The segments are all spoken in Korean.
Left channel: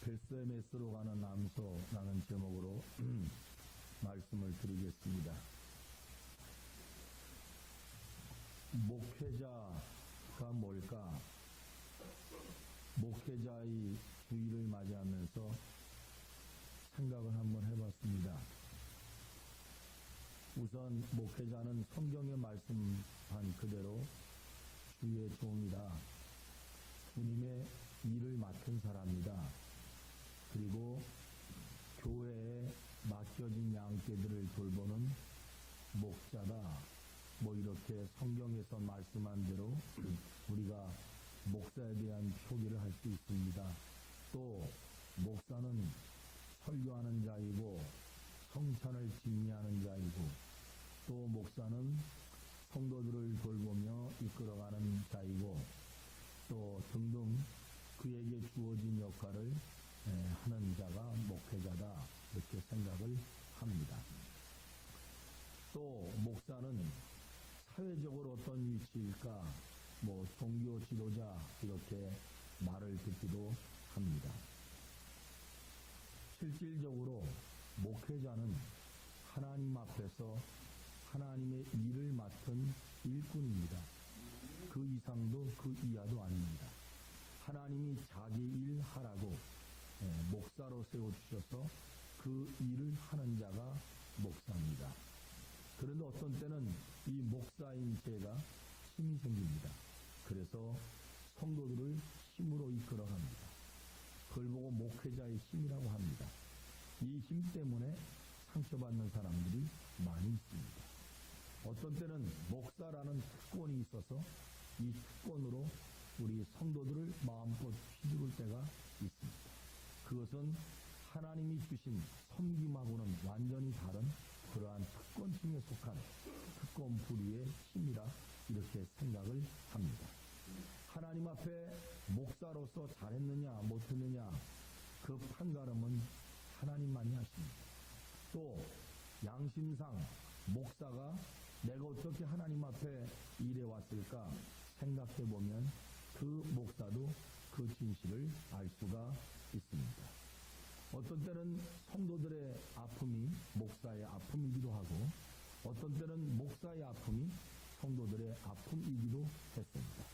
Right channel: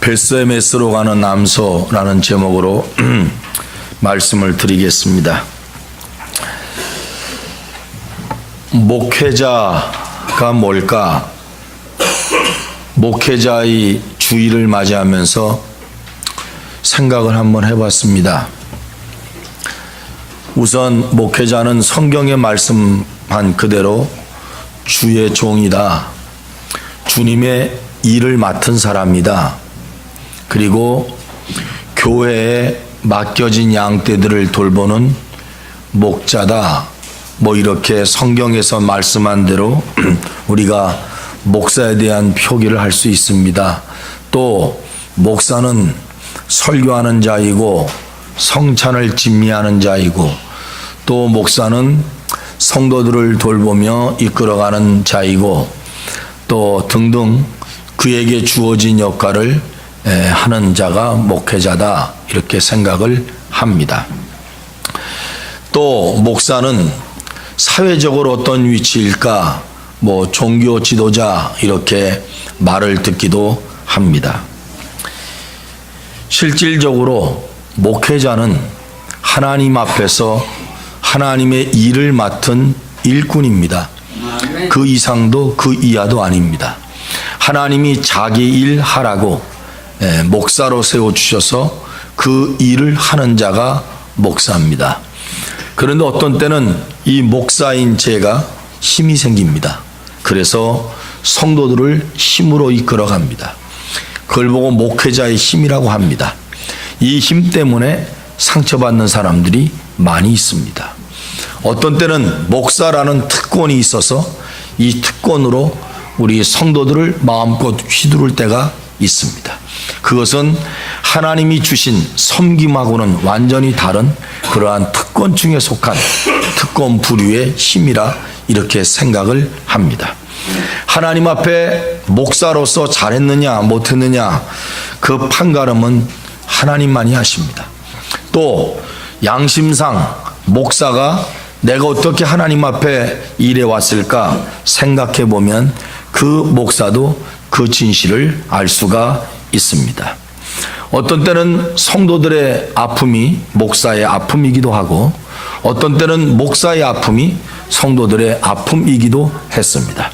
베스메스로 가는 남소라는 제목으로 말씀을 드리겠습니다. 목회자가 뭘까? 목회자의 주일을 맞이하면서 생각을 한번 해봤습니다. 우선 목회자는 성경에 말씀한 그대로 주의 종이다. 주님의 일을 맡은 사람이다. 그리고 교회에 맡겨진 양떼들을 돌보는 목자다. 이렇게 성경에서 말씀한 대로 우리가 목사에 대한 표기를 할 수 있습니다. 또 목사는 설교하는 자이고 성찬을 진미하는 자이고 또 목사는 성도들을 돌보며 이끌어가는 자이고 또 등등 그에게 주어진 역할을 하는 자가 목회자다, 이렇게 생각을 합니다. 또 목사는 사회적으로 어떤 위치일까? 종교 지도자, 이렇게 말을 듣기도 합니다. 실질적으로 목회자는 하나님 앞에서 하나님의 일을 맡은 일꾼입니다. 그 이상도 그 이하도 아닙니다. 하나님이 자기 일 하라고 목사로 세워주셔서 그 일을 하는 자가 목사입니다. 그런데 어떤 때는 이 목사인 제가 힘이 생깁니다. 그래서 성도들을 힘으로 이끌어갑니다. 그걸 보고 목회자의 힘이라고 합니다. 이 힘 때문에 상처받는 사람들이 많이 있습니다. 어떤 때는 목사라는 특권이 있어서 이 특권으로 우리 성도들을 마음껏 휘두를 때가 있습니다. 그것은 하나님이 주신 섬김하고는 완전히 다른 그러한 특권층에 속한 특권 부류의 힘이라 이렇게 생각을 합니다. 하나님 앞에 목사로서 잘했느냐 못했느냐 그 판가름은 하나님만이 하십니다. 또 양심상 목사가 내가 어떻게 하나님 앞에 일해 왔을까 생각해 보면 그 목사도 그 진실을 알 수가 있습니다. 어떤 때는 성도들의 아픔이 목사의 아픔이기도 하고 어떤 때는 목사의 아픔이 성도들의 아픔이기도 했습니다.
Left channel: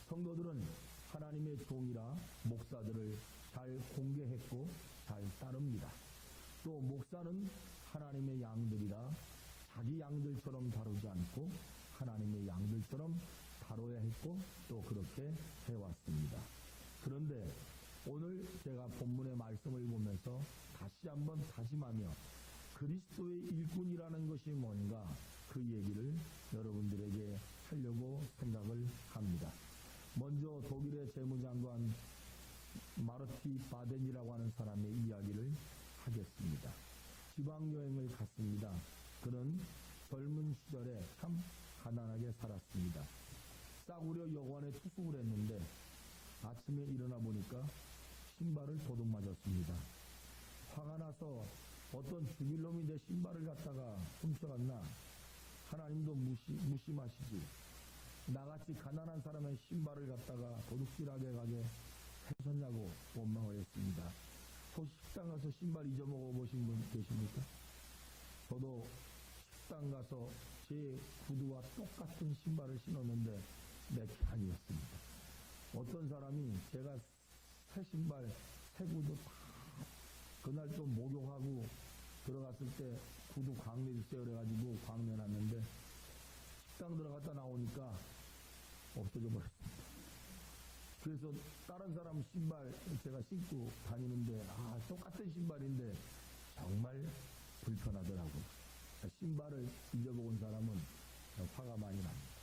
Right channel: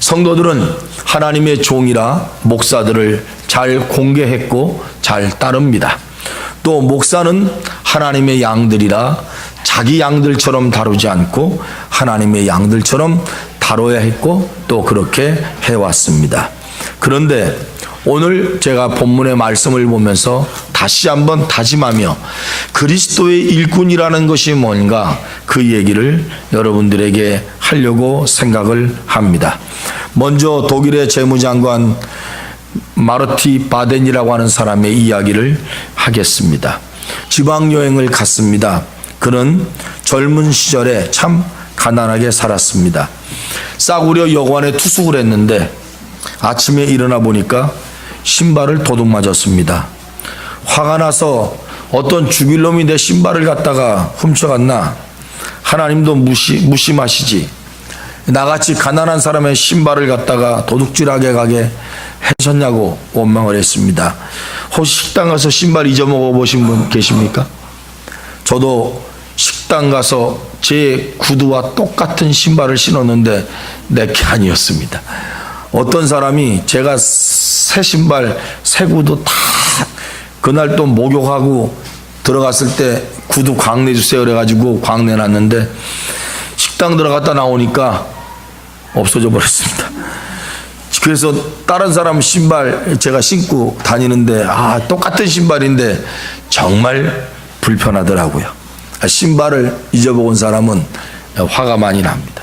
성도들은 하나님의 종이라 목사들을 잘 공개했고 잘 따릅니다. 또 목사는 하나님의 양들이라 자기 양들처럼 다루지 않고 하나님의 양들처럼 다뤄야 했고 또 그렇게 해왔습니다. 그런데 오늘 제가 본문의 말씀을 보면서 다시 한번 다짐하며 그리스도의 일꾼이라는 것이 뭔가 그 얘기를 여러분들에게 하려고 생각을 합니다. 먼저 독일의 재무장관 마르티 바덴이라고 하는 사람의 이야기를 하겠습니다. 지방여행을 갔습니다. 그는 젊은 시절에 참 가난하게 살았습니다. 싸구려 여관에 투숙을 했는데 아침에 일어나 보니까 신발을 도둑 맞았습니다. 화가 나서 어떤 죽일 놈이 내 신발을 갖다가 훔쳐갔나? 하나님도 무심하시지. 나같이 가난한 사람의 신발을 갖다가 도둑질하게 가게 하셨냐고 원망을 했습니다. 혹시 식당 가서 신발 잊어먹어 보신 분 계십니까? 저도 식당 가서 제 구두와 똑같은 신발을 신었는데 내게 아니었습니다. 어떤 사람이 제가 새 신발, 새 구두 다 그날 또 목욕하고 들어갔을 때 구두 광내 주세요 그래가지고 광내 놨는데 식당 들어갔다 나오니까 없어져 버렸습니다. 그래서 다른 사람 신발 제가 신고 다니는데 똑같은 신발인데 정말 불편하더라고요. 신발을 잊어먹은 사람은 화가 많이 납니다.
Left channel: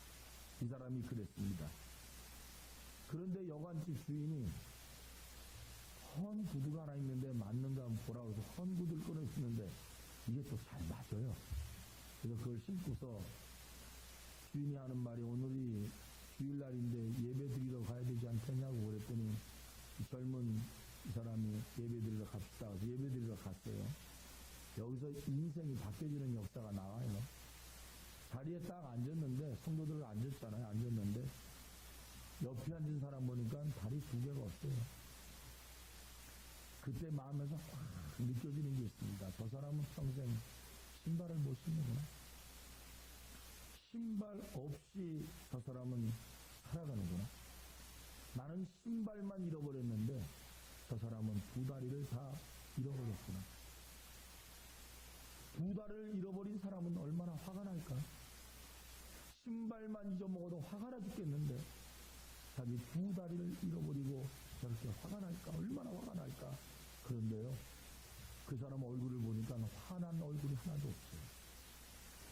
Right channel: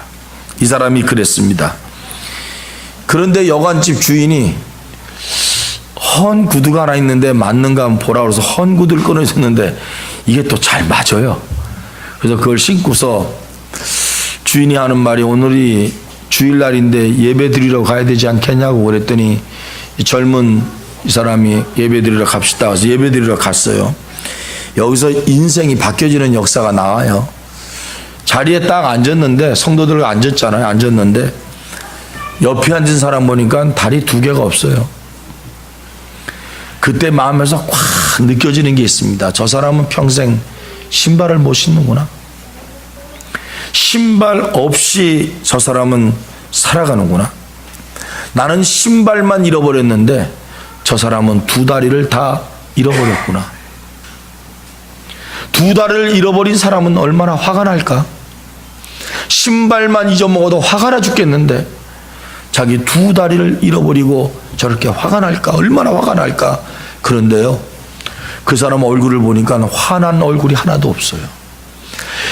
이 사람이 그랬습니다. 그런데 여관집 주인이 헌 구두가 하나 있는데 맞는가 한번 보라 그래서 헌 구두를 꺼내줬는데 이게 또 잘 맞아요. 그래서 그걸 신고서 주인이 하는 말이 오늘이 주일날인데 예배 드리러 가야 되지 않겠냐고 그랬더니 이 젊은 이 사람이 예배 드리러 갑시다. 그래서 예배 드리러 갔어요. 여기서 인생이 바뀌어지는 역사가 나와요. 자리에 딱 앉았는데 성도들 앉았잖아요. 앉았는데 옆에 앉은 사람 보니까 다리 두 개가 없어요. 그때 마음에서 확 느껴지는 게 있습니다. 저 사람은 평생 신발을 못 신는구나. 신발 없이 저 사람은 살아가는구나. 나는 신발만 잃어버렸는데 저 사람은 두 다리를 다 잃어버렸구나. 두 다리를 잃어버린 사람은 얼마나 화가 날까? 신발만 잊어먹어도 화가 나 죽겠는데 자기 두 다리를 잃어버리고 저렇게 화가 날까? 얼마나 화가 날까? 그런데요, 그 사람 얼굴을 보니까 화난 얼굴이 하나도 없어요.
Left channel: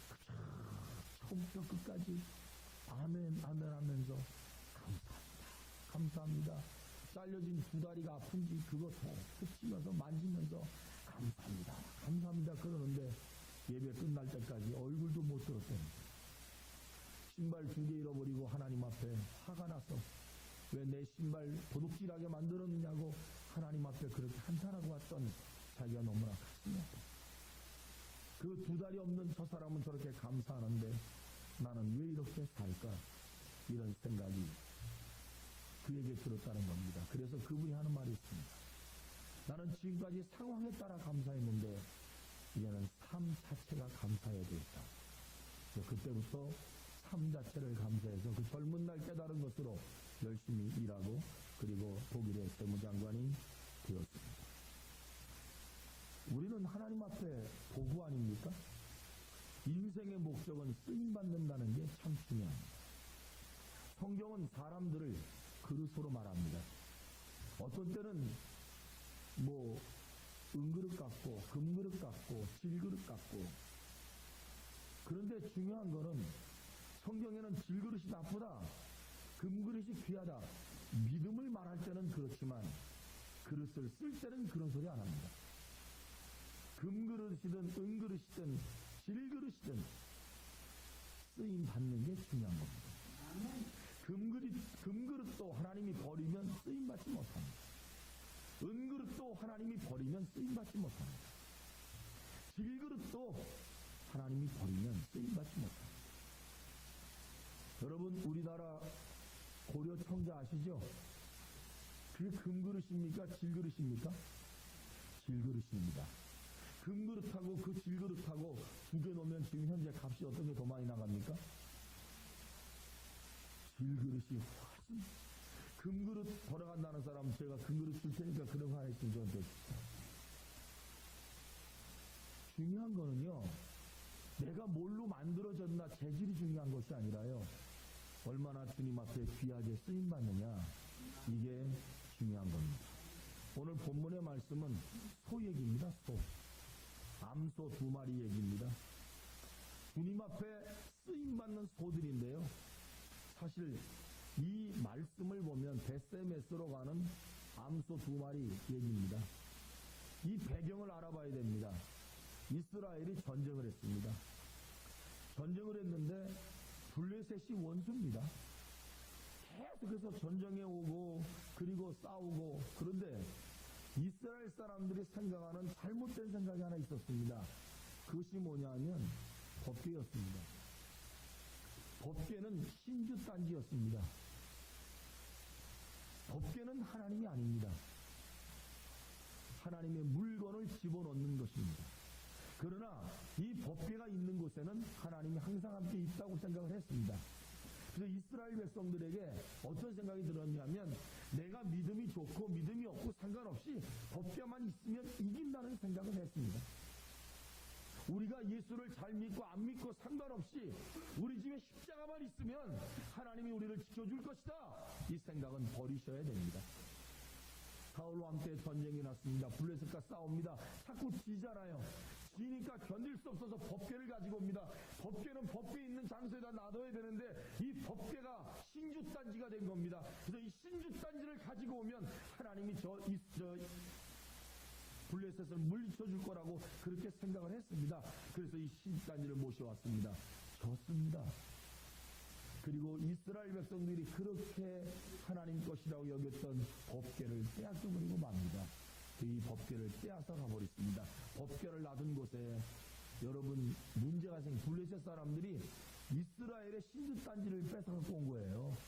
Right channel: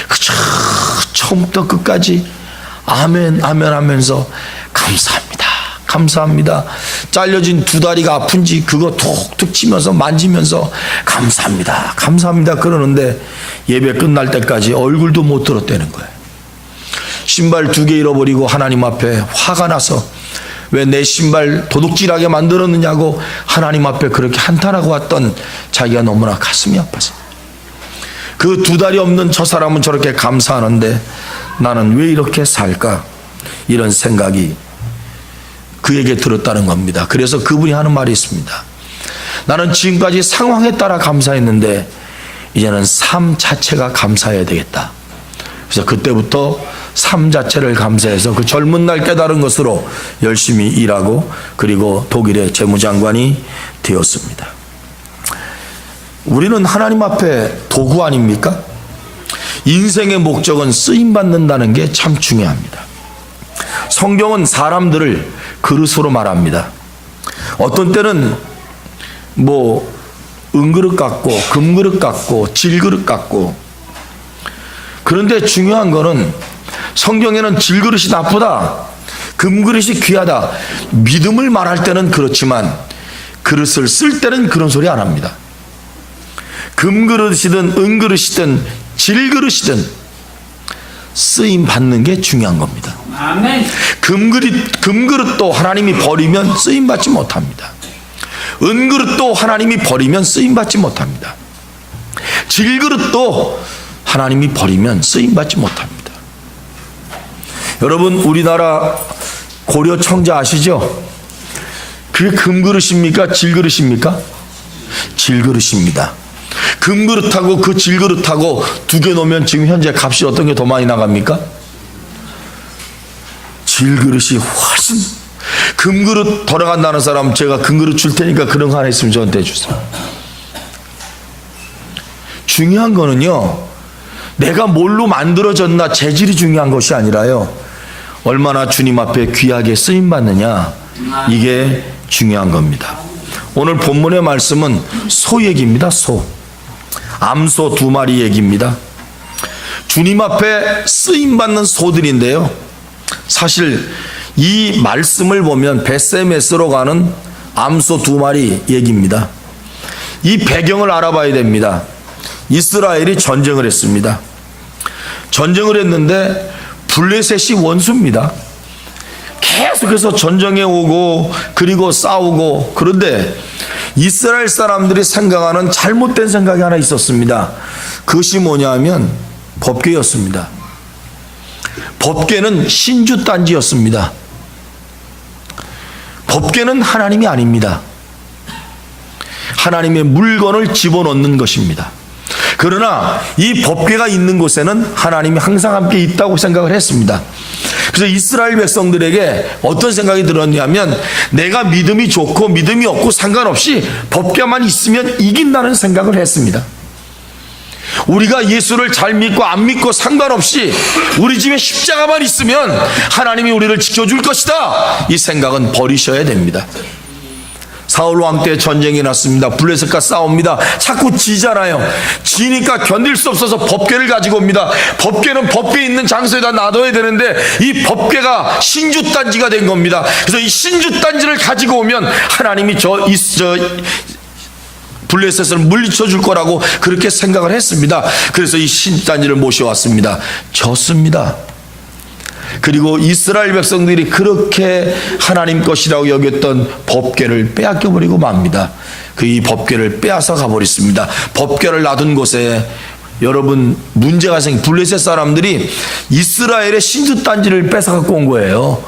그저 처음부터 끝까지 아멘 아멘 하면서 감사합니다 감사합니다. 잘려진 두 다리가 아픈지 그거 툭툭 치면서 만지면서 감사합니다 감사합니다 그러는데 예배 끝날 때까지 얼굴도 못 들었다는 거예요. 신발 2개 잃어버리고 하나님 앞에 화가 나서 왜 내 신발 도둑질하게 만들었느냐고 하나님 앞에 그렇게 한탄하고 왔던 자기가 너무나 가슴이 아파서 그 두 다리 없는 저 사람은 저렇게 감사하는데 나는 왜 이렇게 살까? 이런 생각이 그에게 들었다는 겁니다. 그래서 그분이 하는 말이 있습니다. 나는 지금까지 상황에 따라 감사했는데 이제는 삶 자체가 감사해야 되겠다. 그래서 그때부터 삶 자체를 감사해서 그 젊은 날 깨달은 것으로 열심히 일하고 그리고 독일의 재무장관이 되었습니다. 우리는 하나님 앞에 도구 아닙니까? 인생의 목적은 쓰임받는다는 게 참 중요합니다. 성경은 사람들을 그릇으로 말합니다. 어떤 때는 은그릇 같고 금그릇 같고 질그릇 같고, 그런데 중요한 거는 성경에는 질그릇이 나쁘다, 금그릇이 귀하다, 믿음을 말할 때는 그렇지만 그릇을 쓸 때는 그런 소리 안 합니다. 금그릇이든 은그릇이든 질그릇이든 쓰임 받는 게 중요한 겁니다. 아멘. 금그릇도 하나님이 버리면 쓰임 받지 못합니다. 은그릇도 하나님이 버리면 쓰임 받지 못합니다. 질그릇도 하나님이 버리면 쓰임 받지 못합니다. 여러분, 우리나라 고려 청자 아시죠? 그게 금그릇입니까? 질그릇입니까? 질그릇입니다. 금그릇하고 그 질그릇하고 2개 놓으면 지금 현재 값이 어떤 게 더 많이 나갑니까? 질그릇이 훨씬. 금그릇 돌아간다는 사람 제가 금그릇 줄 테니까 그런 거 하나 있으면 저한테 주세요. 중요한 거는요, 내가 뭘로 만들어졌나 재질이 중요한 것이 아니라요, 얼마나 주님 앞에 귀하게 쓰임받느냐, 이게 중요한 겁니다. 오늘 본문의 말씀은 소 얘기입니다. 암소 2마리 얘기입니다. 주님 앞에 쓰임받는 소들인데요, 사실 이 말씀을 보면 벳세메스로 가는 암소 2마리 얘기입니다. 이 배경을 알아봐야 됩니다. 이스라엘이 전쟁을 했습니다. 전쟁을 했는데 블레셋이 원수입니다. 계속해서 전쟁에 오고 그리고 싸우고. 그런데 이스라엘 사람들이 생각하는 잘못된 생각이 하나 있었습니다. 그것이 뭐냐면 법궤였습니다. 법궤는 신주단지였습니다. 법궤는 하나님이 아닙니다. 하나님의 물건을 집어넣는 것입니다. 그러나 이 법궤가 있는 곳에는 하나님이 항상 함께 있다고 생각을 했습니다. 그래서 이스라엘 백성들에게 어떤 생각이 들었냐면, 내가 믿음이 좋고 믿음이 없고 상관없이 법궤만 있으면 이긴다는 생각을 했습니다. 우리가 예수를 잘 믿고 안 믿고 상관없이 우리 집에 십자가만 있으면 하나님이 우리를 지켜줄 것이다, 이 생각은 버리셔야 됩니다. 사울 왕 때 전쟁이 났습니다. 블레셋과 싸웁니다. 자꾸 지잖아요. 지니까 견딜 수 없어서 법궤를 가지고 옵니다. 법궤는 법궤 있는 장소에다 놔둬야 되는데 이 법궤가 신주단지가 된 겁니다. 그래서 이 신주단지를 가지고 오면 하나님이 블레셋을 물리쳐 줄 거라고 그렇게 생각을 했습니다. 그래서 이 신주단지를 모셔왔습니다. 졌습니다. 그리고 이스라엘 백성들이 그렇게 하나님 것이라고 여겼던 법궤를 빼앗겨버리고 맙니다. 이 법궤를 빼앗아 가버렸습니다. 법궤를 놔둔 곳에 여러분 문제가 블레셋 사람들이 이스라엘의 신주단지를 뺏어 갖고 온 거예요.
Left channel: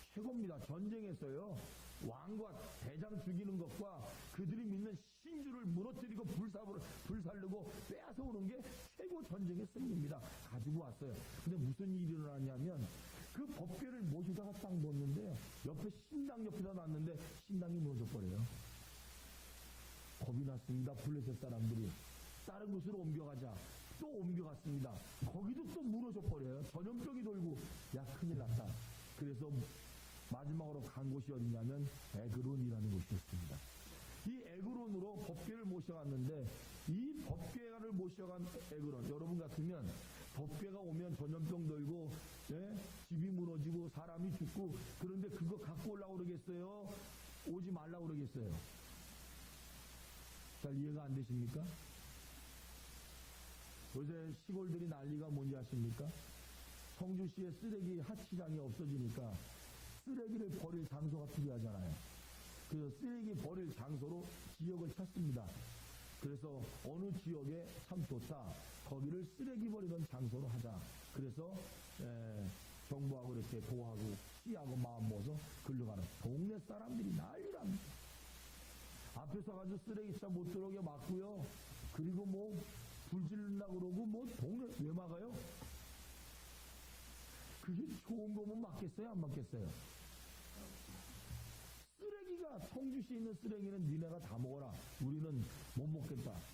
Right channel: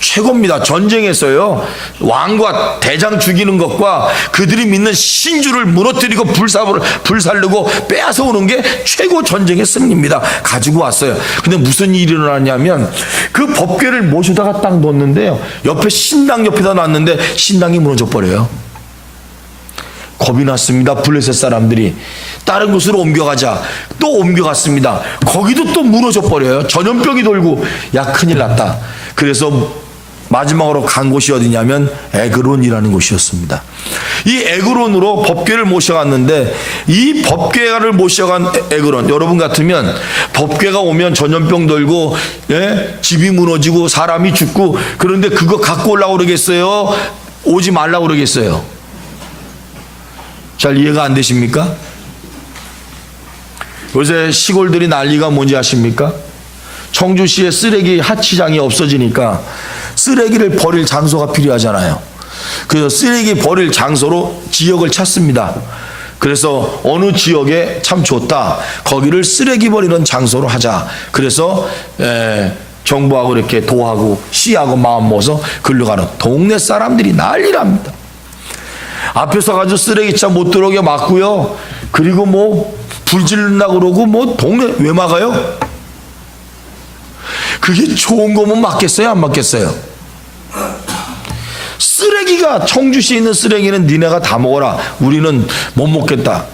최고입니다. 전쟁에서요, 왕과 대장 죽이는 것과 그들이 믿는 신주를 무너뜨리고 불살르고 빼앗아 오는 게 최고 전쟁의 승리입니다. 가지고 왔어요. 근데 무슨 일이 일어났냐면, 그 법궤를 모셔다가 딱 놓는데요, 옆에 신당 옆에다 놨는데 신당이 무너져 버려요. 겁이 났습니다. 블레셋 사람들이 다른 곳으로 옮겨가자. 또 옮겨갔습니다. 거기도 또 무너져 버려요. 전염병이 돌고, 야, 큰일 났다. 그래서 마지막으로 간 곳이 어디냐면 에그론이라는 곳이었습니다. 이 에그론으로 법궤를 모셔갔는데, 이 법궤를 모셔간 에그론, 여러분 같으면 법궤가 오면 전염병 돌고, 예? 집이 무너지고 사람이 죽고, 그런데 그거 갖고 오려고 그러겠어요? 오지 말라고 그러겠어요? 잘 이해가 안 되십니까? 요새 시골들이 난리가 뭔지 아십니까? 청주시에 쓰레기 하치장이 없어지니까 쓰레기를 버릴 장소가 필요하잖아요. 그래서 쓰레기 버릴 장소로 지역을 찾습니다. 그래서 어느 지역에 참 좋다, 거기를 쓰레기 버리는 장소로 하자. 그래서 정부하고 이렇게 도하고 시하고 마음 모아서 글러가는 동네 사람들이 난리랍니다. 앞에 서가지고 쓰레기차 못 들어오게 막고요. 그리고 뭐 불질른다고 그러고, 뭐 동네 왜 막아요? 그게 좋은 거면 막겠어요? 안 막겠어요? 쓰레기가, 청주시에 있는 쓰레기는 니네가 다 먹어라, 우리는 못 먹겠다.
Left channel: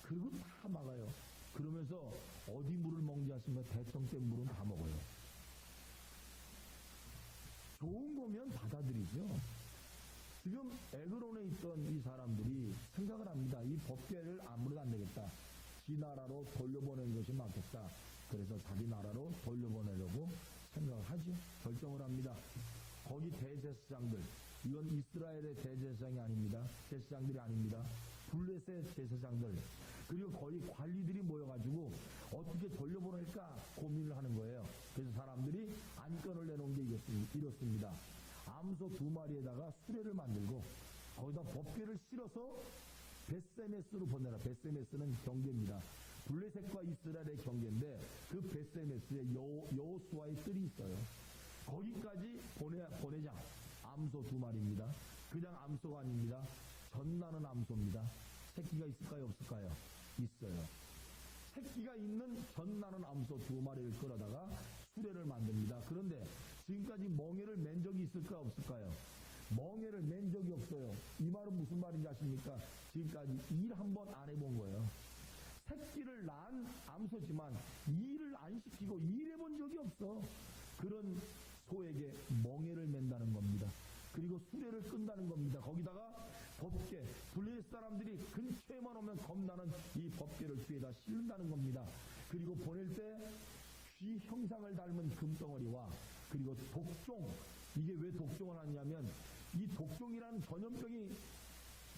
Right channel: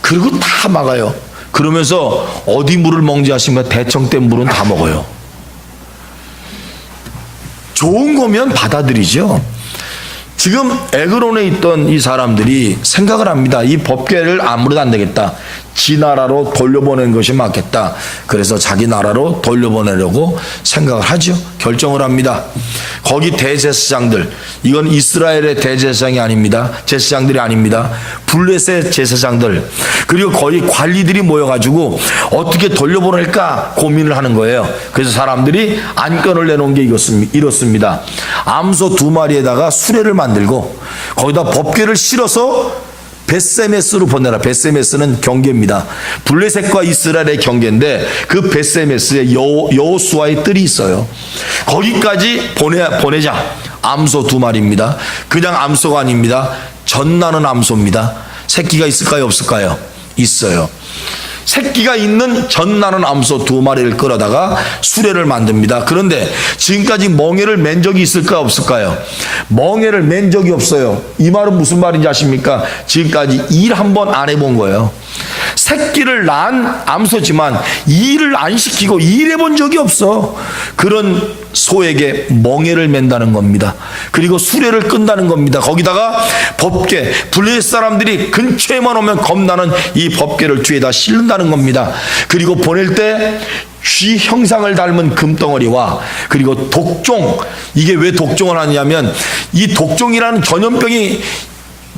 그리고 다 막아요. 그러면서 어디 물을 먹는지 아십니까? 대청댐 물은 다 먹어요. 좋은 거면 받아들이죠. 지금 에그론에 있던 이 사람들이 생각을 합니다. 이 법궤를 아무래도 안 되겠다. 지 나라로 돌려보내는 것이 맞겠다. 그래서 자기 나라로 돌려보내려고 생각을 하죠. 결정을 합니다. 거기 대제사장들, 이건 이스라엘의 대제사장이 아닙니다. 제사장들이 아닙니다. 블레셋 제사장들, 그리고 거기 관리들이 모여가지고 어떻게 돌려보낼까 고민을 하는 거예요. 그래서 사람들이 안건을 내놓은 게 이렇습니다. 암소 2마리에다가 수레를 만들고 거기다 법궤를 실어서 벳세메스로 보내라. 벳세메스는 경계입니다. 블레셋과 이스라엘의 경계인데, 그 벳세메스에 여호수아의 뜰이 있어요. 거기까지 보내자. 암소 2마리입니다. 그냥 암소가 아닙니다. 젖나는 암소입니다. 새끼가 있을까요, 없을까요? 있어요. 새끼가 있는 젖나는 암소 2마리를 끌어다가 수레를 만듭니다. 그런데 지금까지 멍에를 맨 적이 있을까, 없을까요? 멍에를 맨 적이 없어요. 이 말은 무슨 말인지 아십니까? 지금까지 일 한 번 안 해본 거예요. 새끼를 낳은 암소지만 일을 안 시키고 일해본 적이 없어. 그런 소에게 멍에를 맨다는 겁니다. 그리고 수레를 끈다는 겁니다. 거기다가 법궤, 블레셋 사람들이 근처에만 오면 겁나는 이 법궤를 뒤에다 실른다는 겁니다. 그리고 보낼 때 쥐 형상을 닮은 금덩어리와, 그리고 독종, 이게 왜 독종을 하냐면, 이 독종이라는 전염병이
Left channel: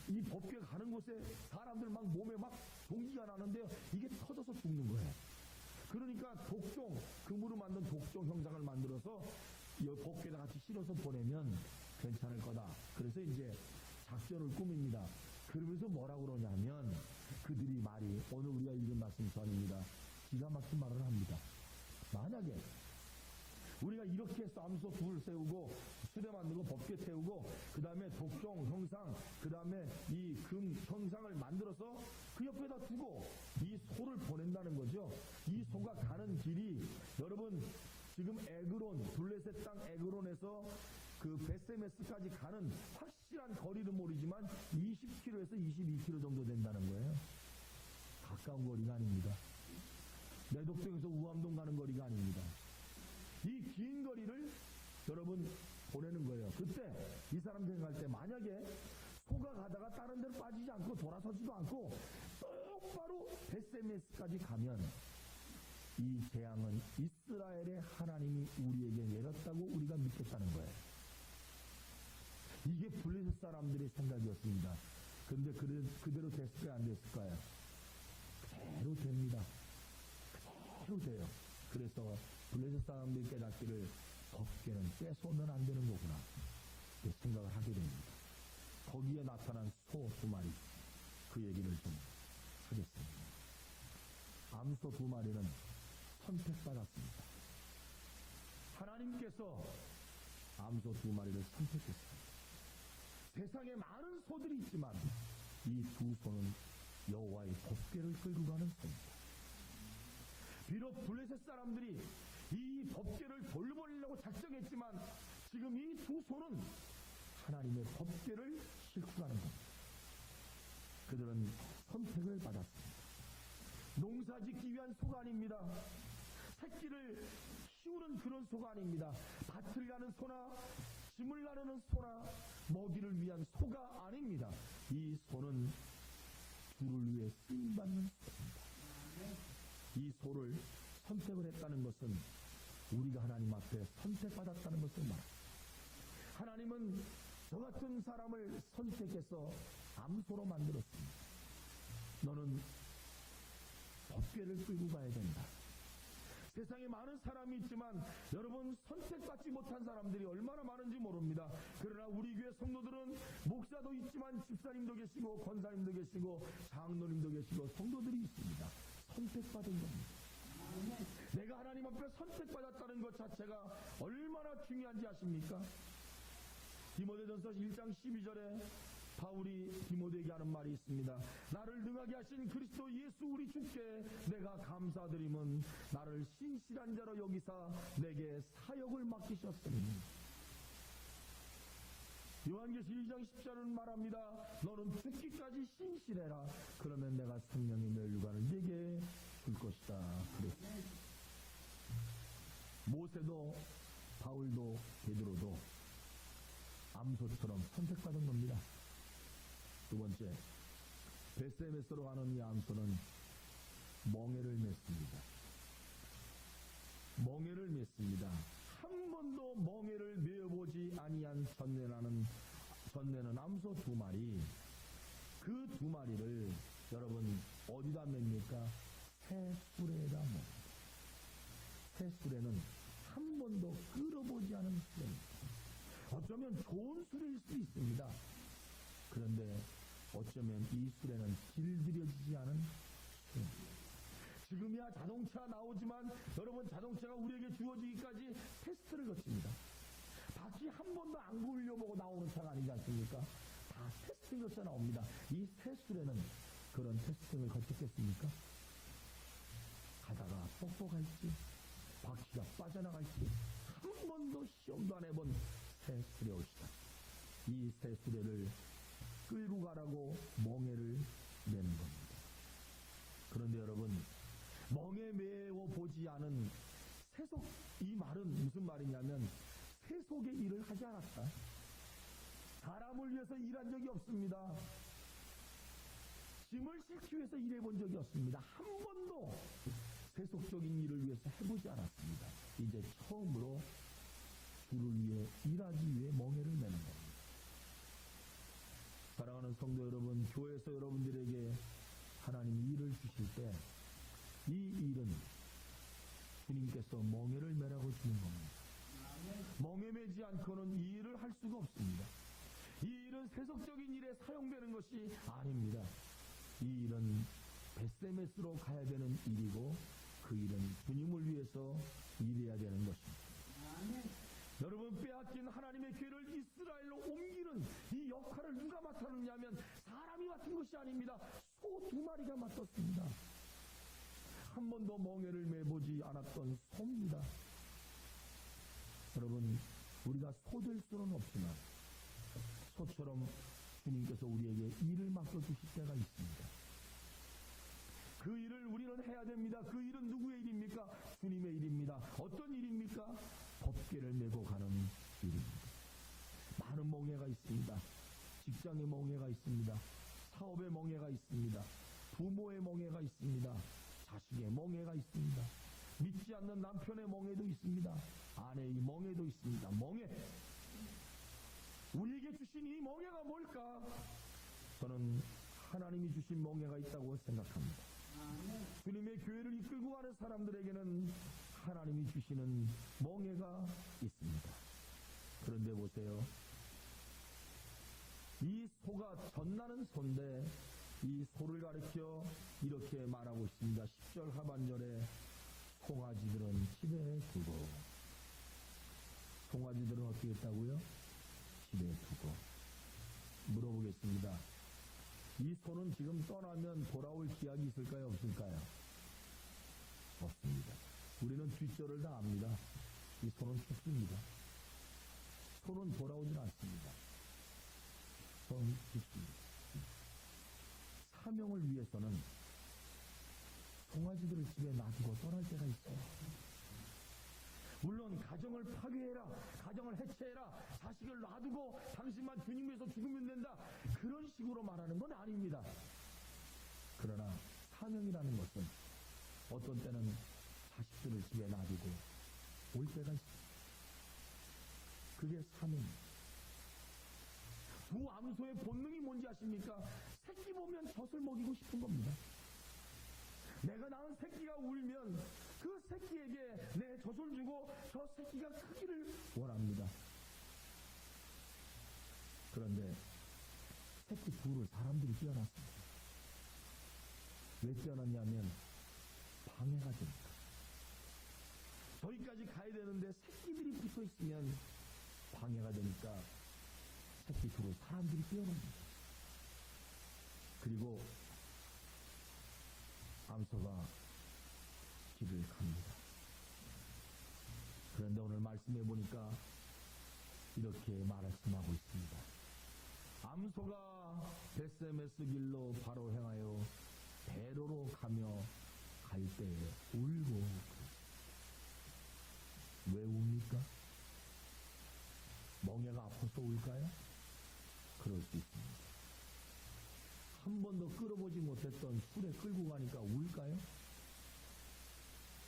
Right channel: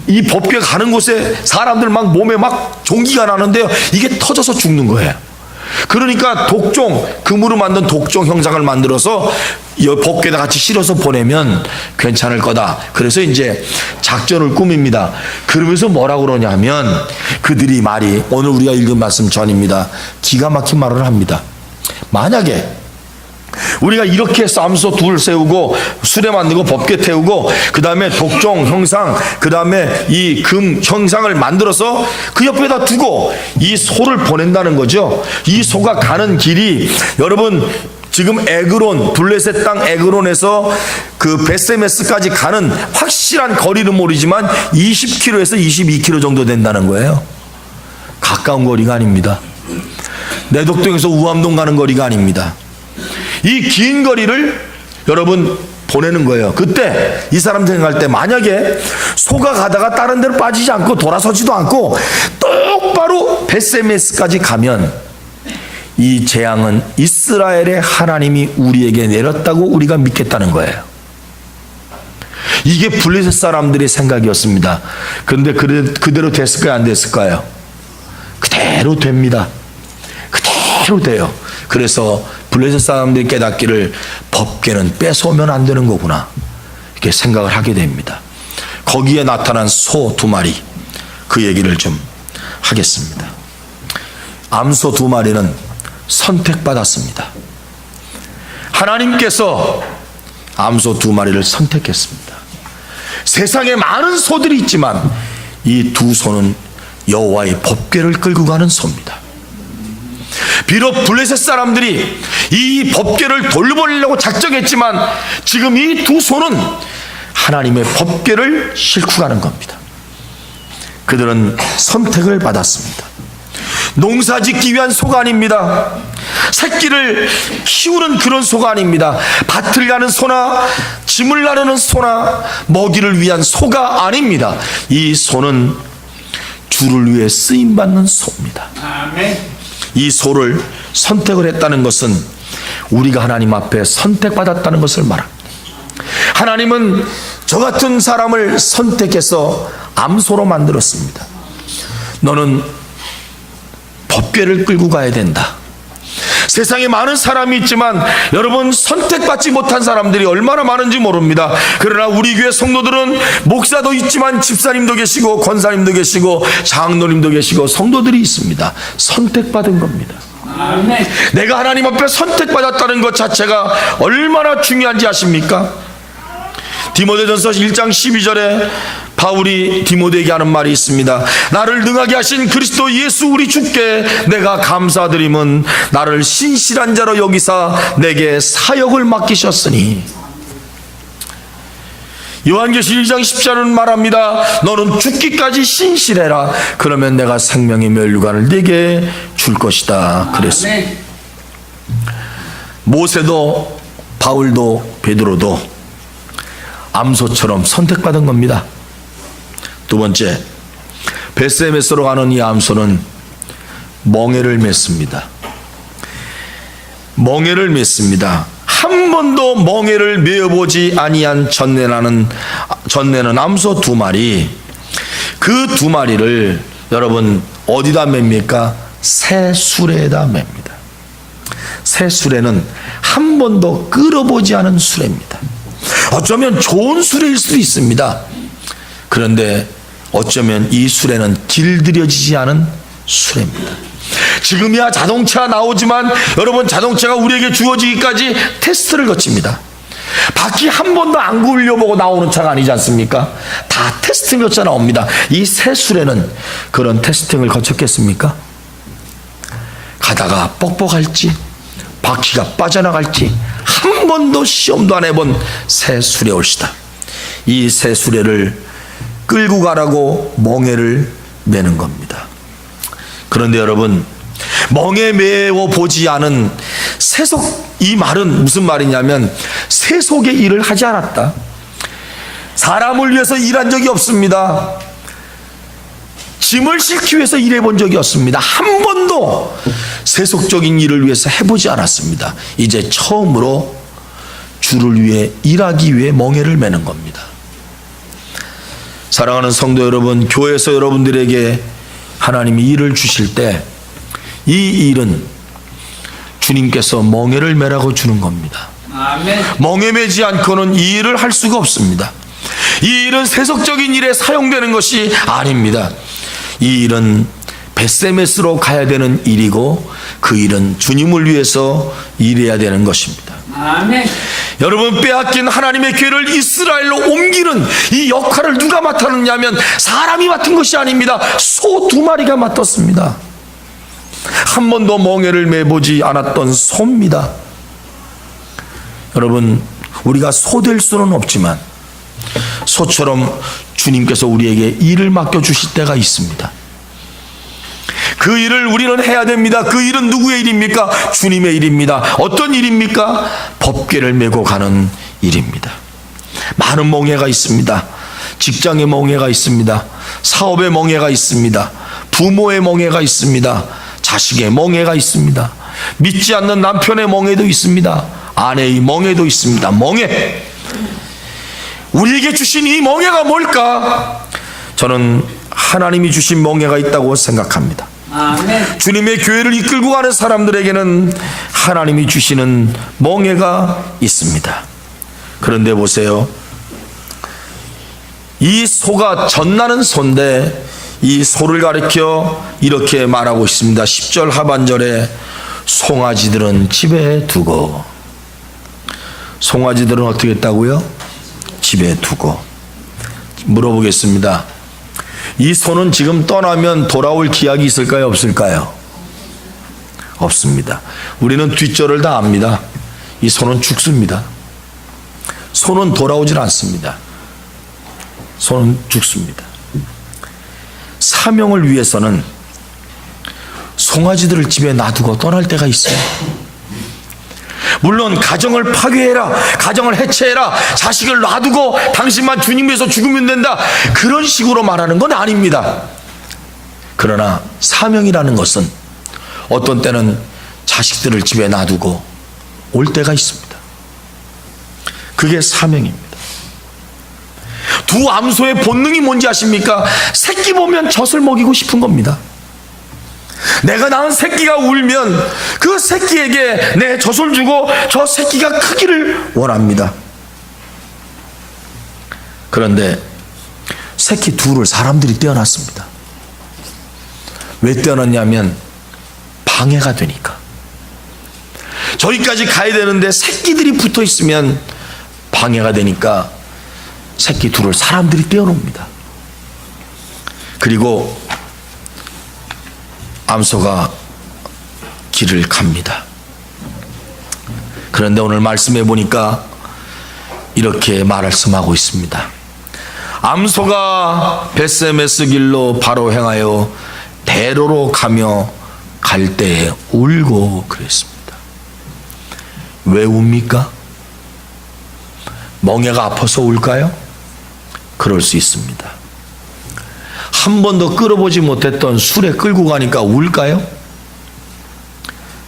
이 법궤 가는 곳에 사람들 막 몸에 막 종기가 나는데요, 이게 터져서 죽는 거예요. 그러니까 독종, 금으로 만든 독종 형상을 만들어서 법궤에다 같이 실어서 보내면 괜찮을 거다. 그래서 이제 작전을 꾸밉니다. 그러면서 뭐라고 그러냐면, 그들이 말이, 오늘 우리가 읽은 말씀 전입니다. 기가 막힌 말을 합니다. 만약에 우리가 이렇게 해서 암소 2를 세우고 수레 만들고 법궤 태우고, 그 다음에 독종 형상, 그 다음에 이 금 형상을 만들어서 그 옆에다 두고 이 소를 보낸다는 거죠. 이 소가 가는 길이, 여러분 지금 에그론, 블레셋 땅 에그론에서 그 벳세메스까지 가는 확실한 거리는 모르지만 20km에서 22km 정도 된다는 거예요. 가까운 거리가 아닙니다. 내덕동에서 우암동 가는 거리가 아닙니다. 이 긴 거리를 여러분 보내는 거예요. 그때 이 사람 생각할 때, 만약에 소가 가다가 다른 데로 빠지지 않고 돌아서지도 않고 똑바로 벳세메스까지 가면, 이 재앙은 이스라엘의 하나님이 우리에게 내렸다고 우리가 믿겠다는 거예요. 이게 블레셋 사람들의 생각이었습니다. 그런데 그대로 됐을까요, 안 됐을까요? 그대로 됩니다. 그대로 돼요. 그래서 블레셋 사람들이 깨닫기를, 법궤는 뺏어오면 안 되는 거구나, 이렇게 생각을 하게 됩니다. 거기에 나타난 소 2마리, 그 얘기를 좀 하겠습니다. 암소 2마리는 선택받았습니다. 하나님께서 암소 2마리를 선택했습니다. 세상에 많은 소들이 있지만 이 두 소는 여호와의 법궤를 끌고 가는 소입니다. 비록 블레셋 사람들이 이 법궤를 돌려보려고 작정했지만 지금 이 두 소는 하나님의 법궤를 싣고 가는 겁니다. 그들은 선택을 받았습니다. 농사 짓기 위한 소가 아닙니다. 새끼를 키우는 그런 소가 아닙니다. 밭을 가는 소나 짐을 나르는 소나 먹이를 위한 소가 아닙니다. 이 소는 주를 위해 쓰임받는 소입니다. 이 소를 선택을 했다는 것은 우리가 하나님 앞에 선택받았다는 것을 말합니다. 하나님은 저 같은 사람을 선택해서 암소로 만들었습니다. 너는 법궤를 끌고 가야 된다. 세상에 많은 사람이 있지만 여러분, 선택받지 못한 사람들이 얼마나 많은지 모릅니다. 그러나 우리 교회 성도들은 목사도 있지만 집사님도 계시고 권사님도 계시고 장로님도 계시고 성도들이 있습니다. 선택받은 겁니다. 아멘. 내가 하나님 앞에 선택받았다는 것 자체가 얼마나 중요한지 아십니까? 디모데전서 1장 12절에 바울이 디모데에게 하는 말이 있습니다. 나를 능하게 하신 그리스도 예수 우리 주께 내가 감사드림은 나를 신실한 자로 여기사 내게 사역을 맡기셨으니. 요한계시록 1장 10절은 말합니다. 너는 죽기까지 신실해라. 그러면 내가 생명의 면류관을 네게 줄 것이다. 그랬습니다. 모세도 바울도 베드로도 암소처럼 선택받은 겁니다. 두 번째, 벳세메스로 가는 이 암소는 멍에를 맸습니다. 멍에를 맸습니다. 한 번도 멍에를 메어보지 아니한 전내는 암소 2마리, 그 2마리를 여러분 어디다 맵니까? 새 수레에다 맵니다. 새 수레는 한 번도 끌어보지 않은 수레입니다. 어쩌면 좋은 수레일 수도 있습니다. 그런데 어쩌면 이 수레는 길들여지지 않은 수레입니다. 지금이야 자동차 나오지만 여러분, 자동차가 우리에게 주어지기까지 테스트를 거칩니다. 바퀴 한 번도 안 굴려보고 나오는 차가 아니지 않습니까? 다 테스팅 거쳐 나옵니다. 이 새 수레는 그런 테스팅을 거쳤겠습니까? 가다가 뻑뻑할지 바퀴가 빠져나갈지 한 번도 시험도 안 해본 새 수레 올시다. 이 새 수레를 끌고 가라고 멍에를 매는 겁니다. 그런데 여러분, 멍에 매어 보지 않은 세속, 이 말은 무슨 말이냐면 세속의 일을 하지 않았다. 사람을 위해서 일한 적이 없습니다. 짐을 싣기 위해서 일해본 적이 없습니다. 한 번도 세속적인 일을 위해서 해보지 않았습니다. 이제 처음으로 주를 위해 일하기 위해 멍에를 매는 겁니다. 사랑하는 성도 여러분, 교회에서 여러분들에게 하나님이 일을 주실 때 이 일은 주님께서 멍에를 매라고 주는 겁니다. 아멘. 멍에 매지 않고는 이 일을 할 수가 없습니다. 이 일은 세속적인 일에 사용되는 것이 아닙니다. 이 일은 벳세메스로 가야 되는 일이고 그 일은 주님을 위해서 일해야 되는 것입니다. 아멘. 여러분, 빼앗긴 하나님의 교회를 이스라엘로 옮기는 이 역할을 누가 맡았느냐면 사람이 맡은 것이 아닙니다. 소 2마리가 맡았습니다. 한 번도 멍에를 매보지 않았던 소입니다. 여러분, 우리가 소 될 수는 없지만 소처럼 주님께서 우리에게 일을 맡겨주실 때가 있습니다. 그 일을 우리는 해야 됩니다. 그 일은 누구의 일입니까? 주님의 일입니다. 어떤 일입니까? 법궤를 메고 가는 일입니다. 많은 멍에가 있습니다. 직장의 멍에가 있습니다. 사업의 멍에가 있습니다. 부모의 멍에가 있습니다. 자식의 멍에가 있습니다. 믿지 않는 남편의 멍에도 있습니다. 아내의 멍에도 있습니다. 멍에. 우리에게 주신 이 멍에가 뭘까? 저는 하나님이 주신 멍에가 있다고 생각합니다. 아멘. 주님의 교회를 이끌고 가는 사람들에게는 하나님이 주시는 멍에가 있습니다. 그런데 보세요, 이 소가 젖나는 소인데 이 소를 가리켜 이렇게 말하고 있습니다. 10절 하반절에 송아지들은 집에 두고 송아지들은 어떻게 했다고요? 집에 두고. 물어보겠습니다. 이 소는 지금 떠나면 돌아올 기약이 있을까요? 없을까요? 없습니다. 우리는 뒷절을 다 압니다. 이 소는 죽습니다. 소는 돌아오질 않습니다. 소는 죽습니다. 사명을 위해서는 송아지들을 집에 놔두고 떠날 때가 있어요. 물론 가정을 파괴해라, 가정을 해체해라, 자식을 놔두고 당신만 주님 위해서 죽으면 된다, 그런 식으로 말하는 건 아닙니다. 그러나 사명이라는 것은 어떤 때는 자식들을 집에 놔두고 올 때가 있습니다. 그게 사명입니다. 두 암소의 본능이 뭔지 아십니까? 새끼 보면 젖을 먹이고 싶은 겁니다. 내가 낳은 새끼가 울면 그 새끼에게 내 젖을 주고 저 새끼가 크기를 원합니다. 그런데 새끼 둘을 사람들이 떼어놨습니다. 왜 떼어놨냐면 방해가 되니까. 저기까지 가야 되는데 새끼들이 붙어 있으면 방해가 되니까 새끼 둘을 사람들이 떼어놓습니다. 그리고 암소가 길을 갑니다. 그런데 오늘 말씀해 보니까 이렇게 말씀하고 있습니다. 암소가 벳세메스 길로 바로 행하여 대로로 가며 갈 때에 울고 그랬습니다. 왜 웁니까? 멍에가 아파서 울까요? 그럴 수 있습니다. 한 번도 끌어보지 못했던 술에 끌고 가니까 울까요?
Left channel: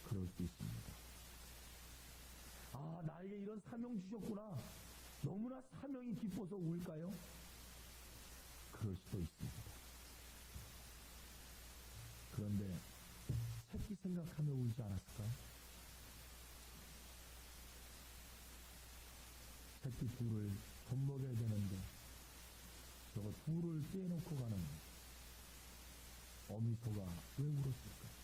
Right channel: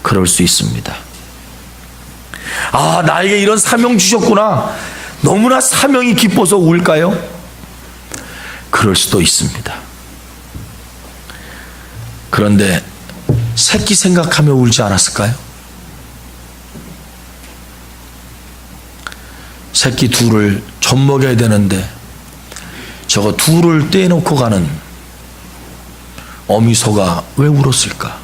그럴 수 있습니다. 아, 나에게 이런 사명 주셨구나, 너무나 사명이 기뻐서 울까요? 그럴 수도 있습니다. 그런데 새끼 생각하며 울지 않았을까요? 새끼 둘을 젖 먹여야 되는데 저거 둘을 떼놓고 가는 어미소가 왜 울었을까?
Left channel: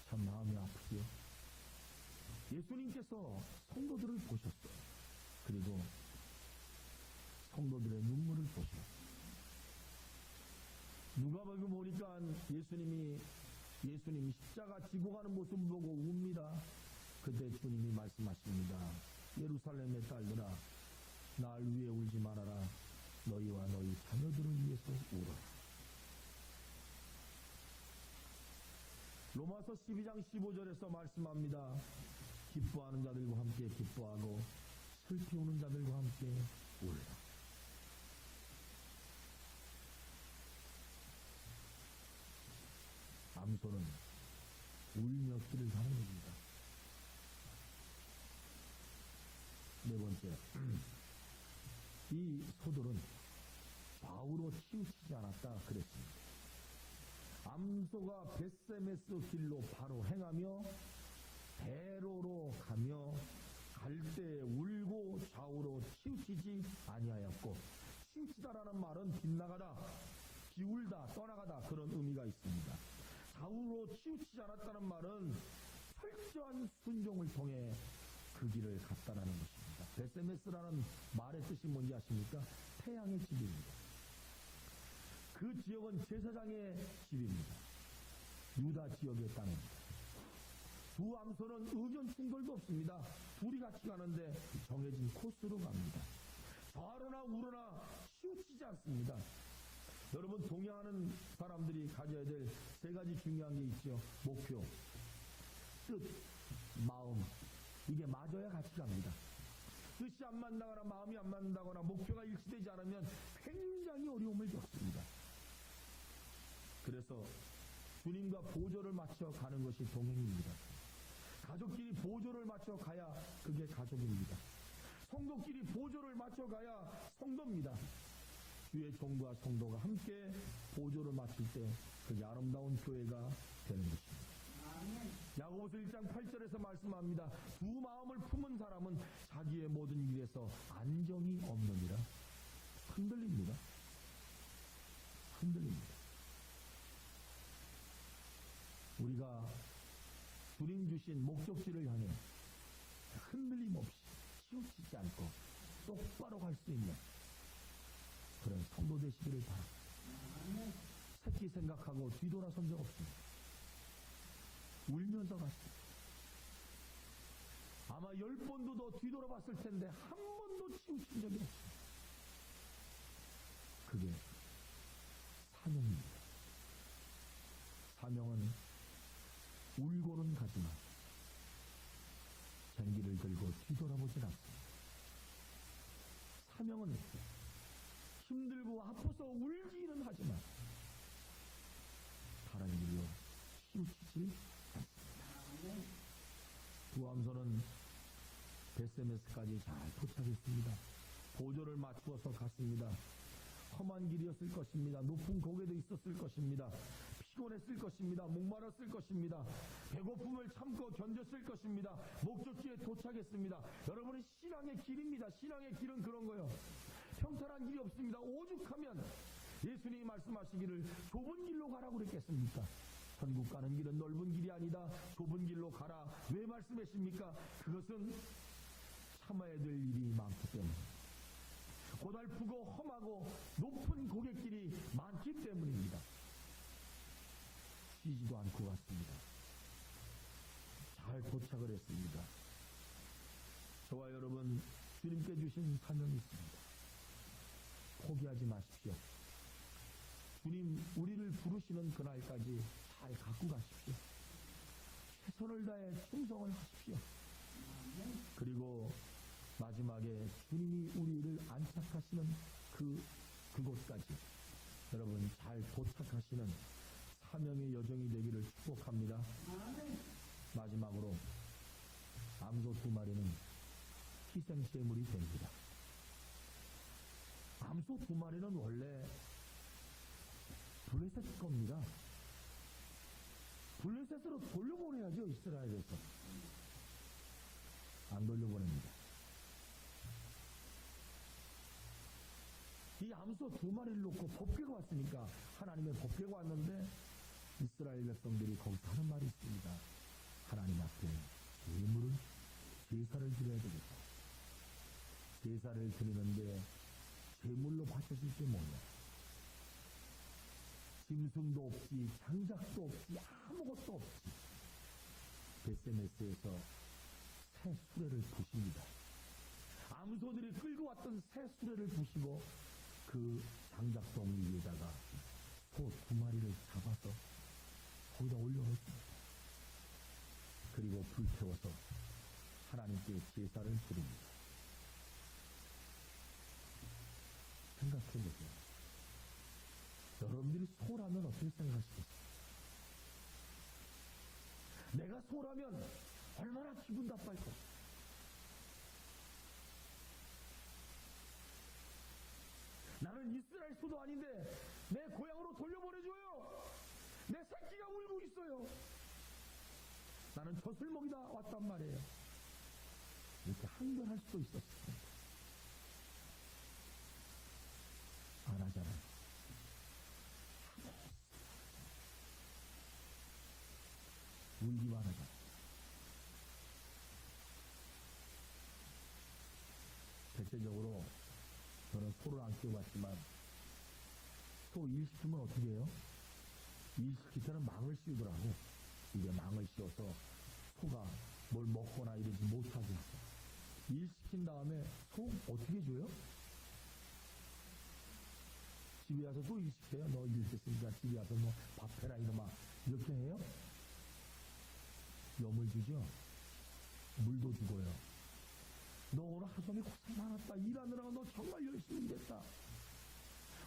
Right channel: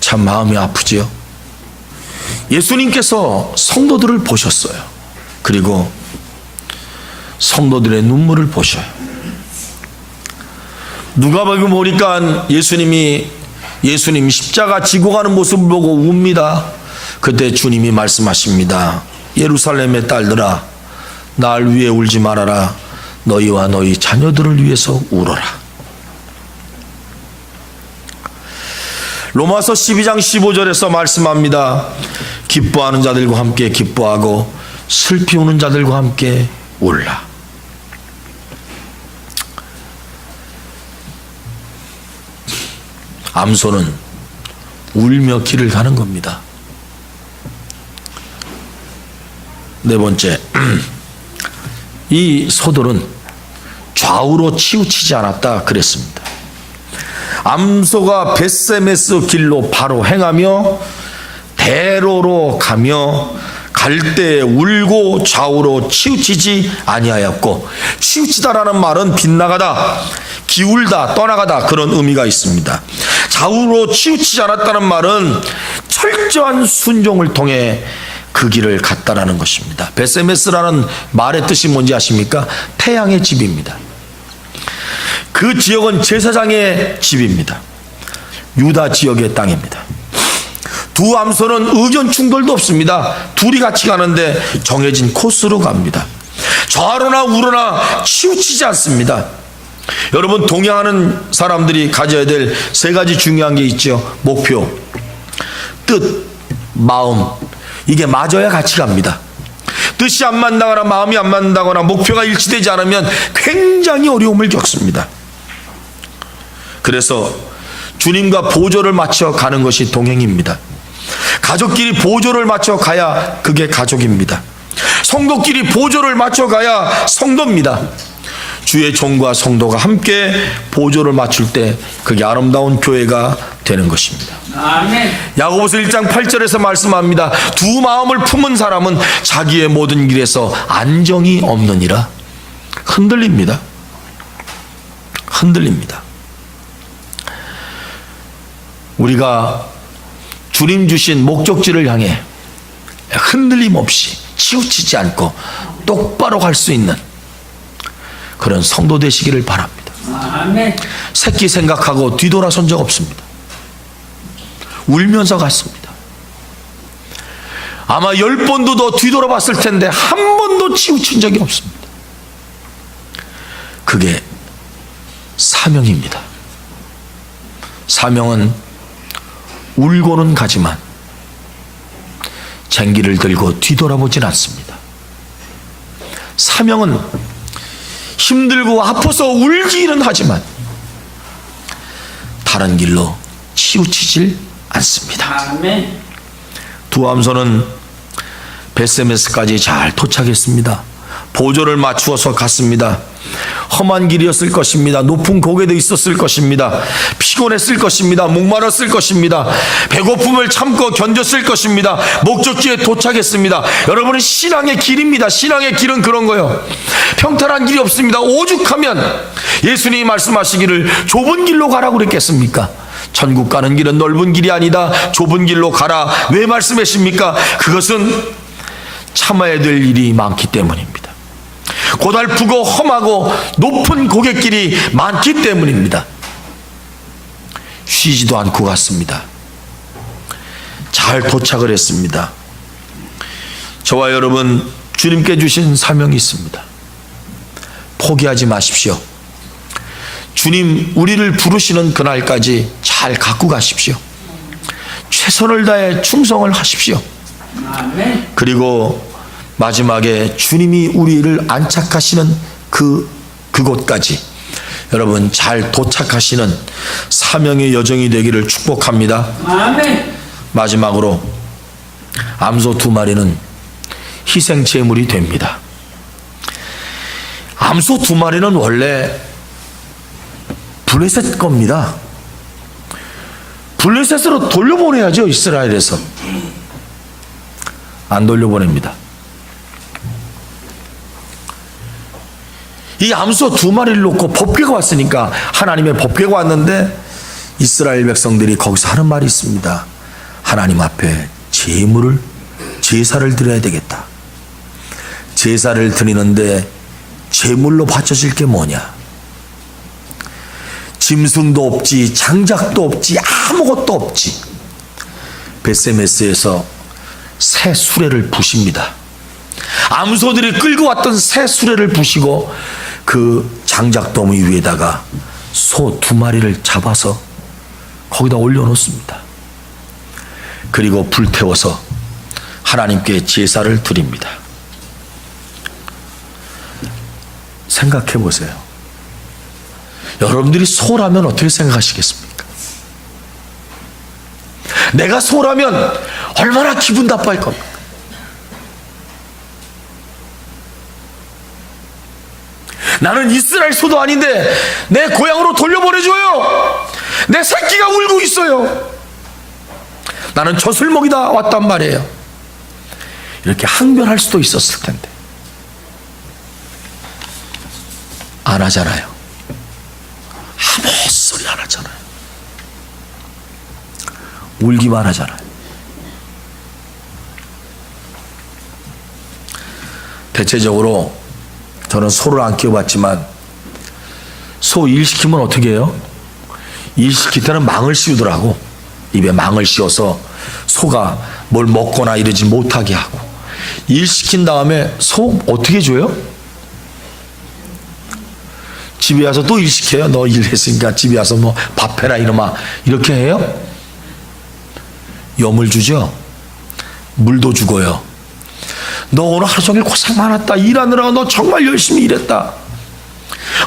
참 마음이 아프지요. 예수님께서 성도들을 보셨어요. 그리고 성도들의 눈물을 보셔요. 누가복음 보니까 예수님이 십자가 지고 가는 모습을 보고 웁니다. 그때 주님이 말씀하십니다. 예루살렘의 딸들아, 날 위해 울지 말아라. 너희와 너희 자녀들을 위해서 울어라. 로마서 12장 15절에서 말씀합니다. 기뻐하는 자들과 함께 기뻐하고 슬피 우는 자들과 함께 울라. 암소는 울며 길을 가는 겁니다. 네 번째, 이 소들은 좌우로 치우치지 않았다 그랬습니다. 암소가 벳세메스 길로 바로 행하며 대로로 가며 갈 때 울고 좌우로 치우치지 아니하였고, 치우치다라는 말은 빗나가다, 기울다, 떠나가다, 그런 의미가 있습니다. 좌우로 치우치지 않았다는 말은 철저한 순종을 통해 그 길을 갔다라는 것입니다. 벳세메스라는 말의 뜻이 뭔지 아십니까? 태양의 집입니다. 그 지역은 제사장의 집입니다. 유다 지역의 땅입니다. 두 암소는 의견 충돌도 없습니다. 둘이 같이 가는데 정해진 코스로 갑니다. 좌로나 우로나 치우치지 않습니다. 여러분, 동행하는 사람들이 가져야 될 세 가지 중요한 게 있죠. 목표, 뜻, 마음. 이게 맞아야 같이 갑니다. 뜻이 안 맞다거나 마음이 안 맞다거나 목표가 일치되지 않으면 굉장히 어려움을 겪습니다. 그래서 주님과 보조를 맞춰 가는 것이 동행입니다. 가족끼리 보조를 맞춰 가야 그게 가족입니다. 성도끼리 보조를 맞춰 가야 성도입니다. 주의 종과 성도가 함께 보조를 맞출 때 그게 아름다운 교회가 되는 것입니다. 아멘. 야고보서 1장 8절에서 말씀합니다. 두 마음을 품은 사람은 자기의 모든 길에서 안정이 없느니라. 흔들립니다. 흔들립니다. 우리가 주님 주신 목적지를 향해 흔들림 없이 치우치지 않고 똑바로 갈 수 있는 그런 성도 되시기를 바랍니다. 아멘. 새끼 생각하고 뒤돌아선 적 없습니다. 울면서 갔습니다. 아마 10번도 더 뒤돌아봤을 텐데 한 번도 치우친 적이 없습니다. 그게 사명입니다. 사명은 울고는 가지만 쟁기를 들고 뒤돌아보진 않습니다. 사명은 힘들고 아파서 울기는 하지만 다른 길로 치우치질 않습니다. 아멘. 두암소는 베세메스까지 잘 도착했습니다. 보조를 맞추어서 갔습니다. 험한 길이었을 것입니다. 높은 고개도 있었을 것입니다. 피곤했을 것입니다. 목마랐을 것입니다. 배고픔을 참고 견뎠을 것입니다. 목적지에 도착했습니다. 여러분은 신앙의 길입니다. 신앙의 길은 그런 거예요. 평탄한 길이 없습니다. 오죽하면 예수님이 말씀하시기를 좁은 길로 가라고 그랬겠습니까? 천국 가는 길은 넓은 길이 아니다. 좁은 길로 가라. 왜 말씀하십니까? 그것은 참아야 될 일이 많기 때문입니다. 고달프고 험하고 높은 고갯길이 많기 때문입니다. 쉬지도 않고 갔습니다. 잘 도착을 했습니다. 저와 여러분, 주님께 주신 사명이 있습니다. 포기하지 마십시오. 주님 우리를 부르시는 그날까지 잘 갖고 가십시오. 최선을 다해 충성을 하십시오. 그리고 마지막에 주님이 우리를 안착하시는 그곳까지 여러분 잘 도착하시는 사명의 여정이 되기를 축복합니다. 아멘. 마지막으로 암소 2마리는 희생 제물이 됩니다. 암소 2마리는 원래 블레셋 겁니다. 블레셋으로 돌려보내야죠. 이스라엘에서 안 돌려보냅니다. 이 암소 2마리를 놓고 법궤가 왔으니까, 하나님의 법궤가 왔는데 이스라엘 백성들이 거기서 하는 말이 있습니다. 하나님 앞에 제사를 드려야 되겠다. 제사를 드리는데 제물로 바쳐질 게 뭐냐? 짐승도 없지, 장작도 없지, 아무것도 없지. 베세메스에서 새 수레를 부십니다. 암소들이 끌고 왔던 새 수레를 부시고 그 장작더미 위에다가 소 2마리를 잡아서 거기다 올려놓습니다. 그리고 불태워서 하나님께 제사를 드립니다. 생각해 보세요. 여러분들이 소라면 어떻게 생각하시겠습니까? 내가 소라면 얼마나 기분 나빠할 겁니까? 나는 이스라엘 소도 아닌데 내 고향으로 돌려보내줘요. 내 새끼가 울고 있어요. 나는 젖을먹이다 왔단 말이에요. 이렇게 항변할 수도 있었을 텐데 안 하잖아요. 아무 소리 안 하잖아요. 울기만 하잖아요. 대체적으로 저는 소를 안 키워봤지만 소 일 시키면 어떻게 해요? 일 시킬 때는 망을 씌우더라고. 입에 망을 씌워서 소가 뭘 먹거나 이러지 못하게 하고. 일 시킨 다음에 소 어떻게 줘요? 집에 와서 또 일 시켜요. 너 일했으니까 집에 와서 뭐 밥해라 이놈아, 이렇게 해요? 염을 주죠. 물도 주고요. 너 오늘 하루 종일 고생 많았다. 일하느라 너 정말 열심히 일했다.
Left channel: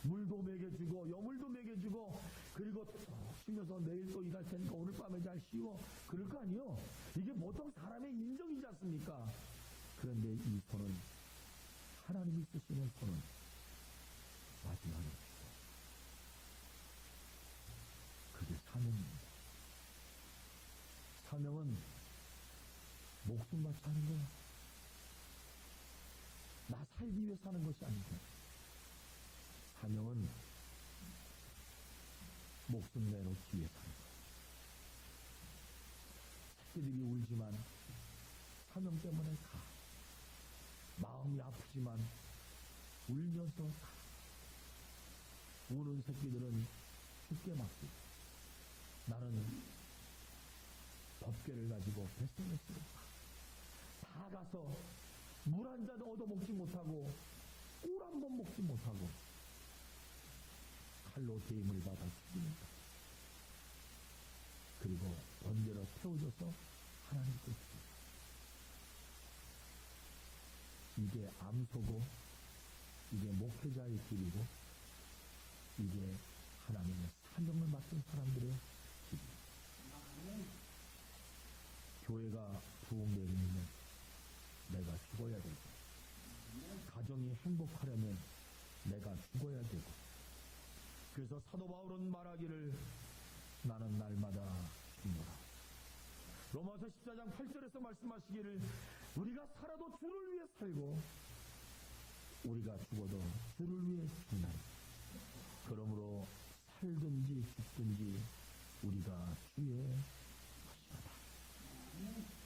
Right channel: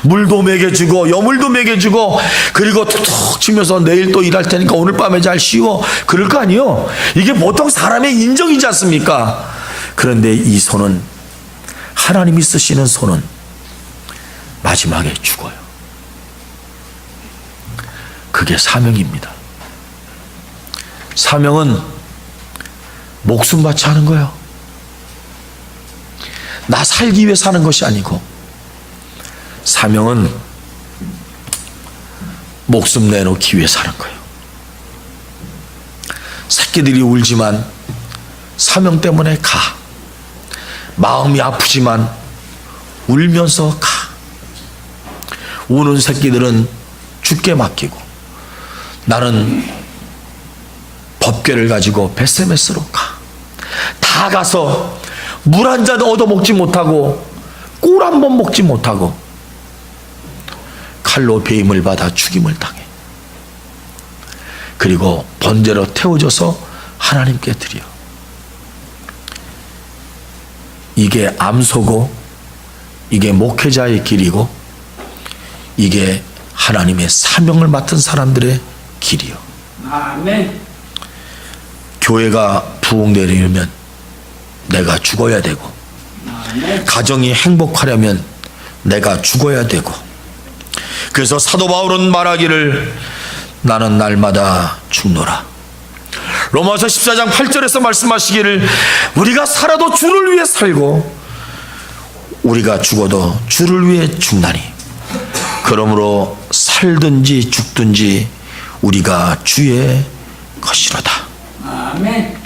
물도 먹여주고 여물도 먹여주고, 그리고 툭툭 치면서 내일 또 일할 테니까 오늘 밤에 잘 쉬어, 그럴 거 아니에요. 이게 보통 사람의 인정이지 않습니까? 그런데 이 소는, 하나님이 쓰시는 소는 마지막에 죽어요. 그게 사명입니다. 사명은 목숨 바쳐 하는 거예요. 나 살기 위해 사는 것이 아니고, 사명은 목숨 내놓기 위해 사는 거예요. 새끼들이 울지만 사명 때문에 가. 마음이 아프지만 울면서 가. 우는 새끼들은 죽게 맡기고 나는 법궤를 가지고 벳세메스로 가. 다 가서 물 한 잔 얻어 먹지 못하고 꿀 한 번 먹지 못하고 칼로 배임을 받아 죽임을 당해. 그리고 번제로 태워져서 하나님께 드려. 이게 암소고 이게 목회자의 길이고 이게 하나님의 사명을 맡은 사람들의 길이요. 아멘. 교회가 부흥되려면 내가 죽어야 되고 아멘. 가정이 행복하려면 내가 죽어야 되고. 그래서 사도 바울은 말하기를 나는 날마다 죽노라. 로마서 14장 8절에서 말씀하시기를 우리가 살아도 주를 위해 살고 우리가 죽어도 주를 위해 죽나니 그러므로 살든지 죽든지 우리가 주의 것이로다. 아멘.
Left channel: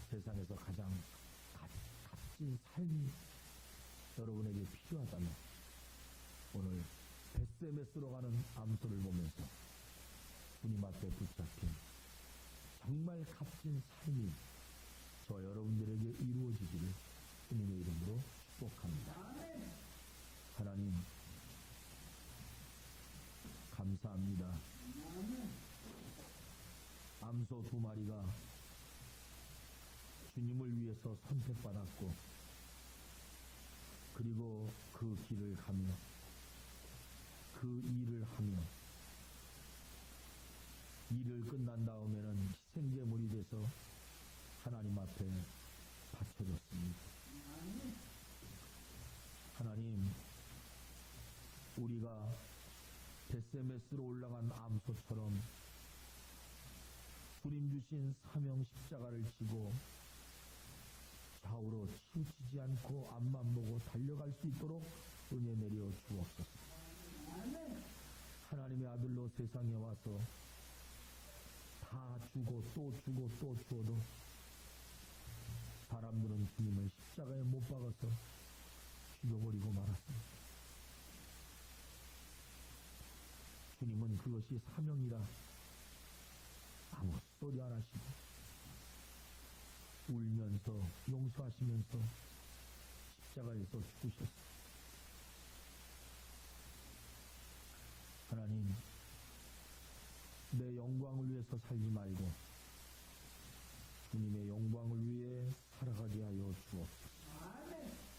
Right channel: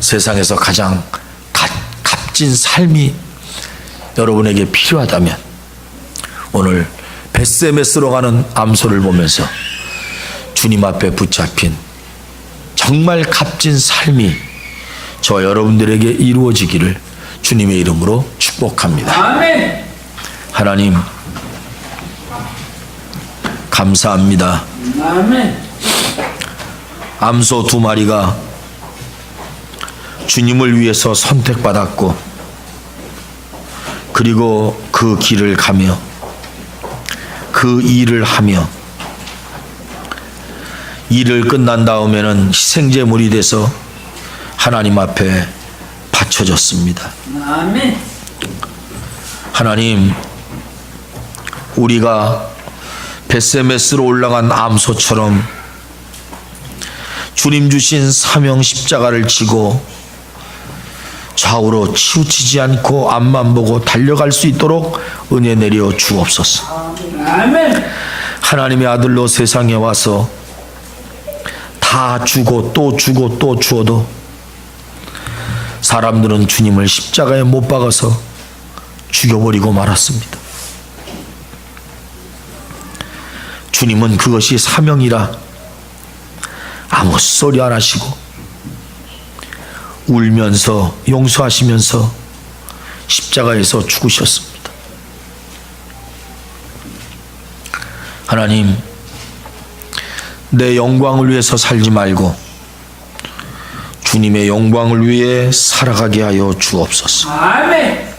세상에서 가장 값진 삶이 여러분에게 필요하다면 오늘 벳세메스로 가는 암소를 보면서 주님 앞에 붙잡힌 정말 값진 삶이 저 여러분들에게 이루어지기를 주님의 이름으로 축복합니다. 아멘. 하나님 감사합니다. 아멘. 암소 2마리가 주님을 위해서 선택받았고 그리고 그 길을 가며 그 일을 하며 일을 끝난 다음에는 희생제물이 돼서 하나님 앞에 바쳐졌습니다. 아멘. 하나님, 우리가 벳세메스로 올라간 암소처럼 주님 주신 사명 십자가를 지고 좌우로 치우치지 않고 앞만 보고 달려갈 수 있도록 은혜 내려 주옵소서. 아멘. 하나님의 아들로 세상에 와서 다 주고 또 주고 또 주어도 사람들은 주님을 십자가에 못 박아서 죽여버리고 말았습니다. 주님은 그것이 사명이라 아무 소리 안 하시고 울면서 용서하시면서 십자가에서 죽으셨습니다. 하나님, 내 영광을 위해서 살지 말고 주님의 영광을 위해 살아가게 하여 주옵소서. 아멘.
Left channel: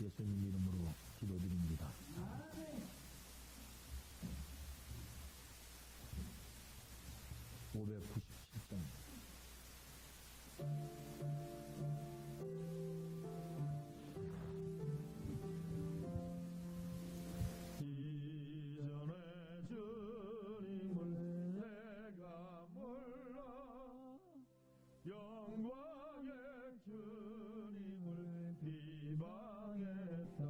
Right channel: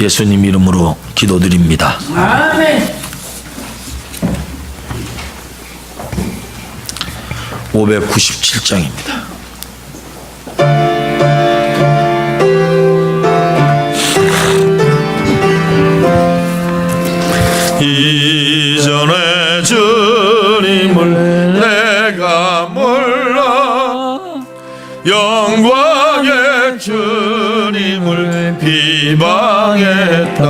예수님 이름으로 기도드립니다. 아멘. 597장입니다. 이전에 주님을 내가 몰라 영광의 주님을 비방했다.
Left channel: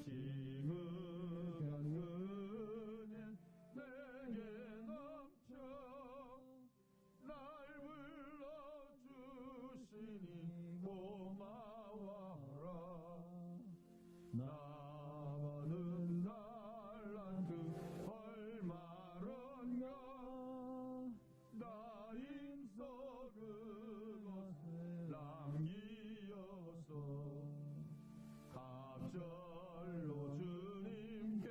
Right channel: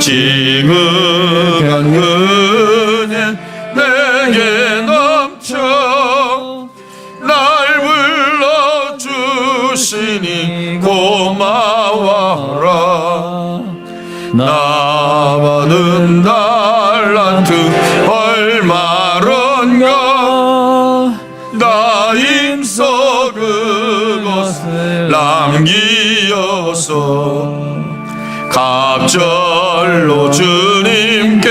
지극한 은혜 내게 넘쳐 날 불러주시니 고마워라. 나 받은 달란트 얼마런가 나 힘써 그것을 남기어서 갑절로 주님께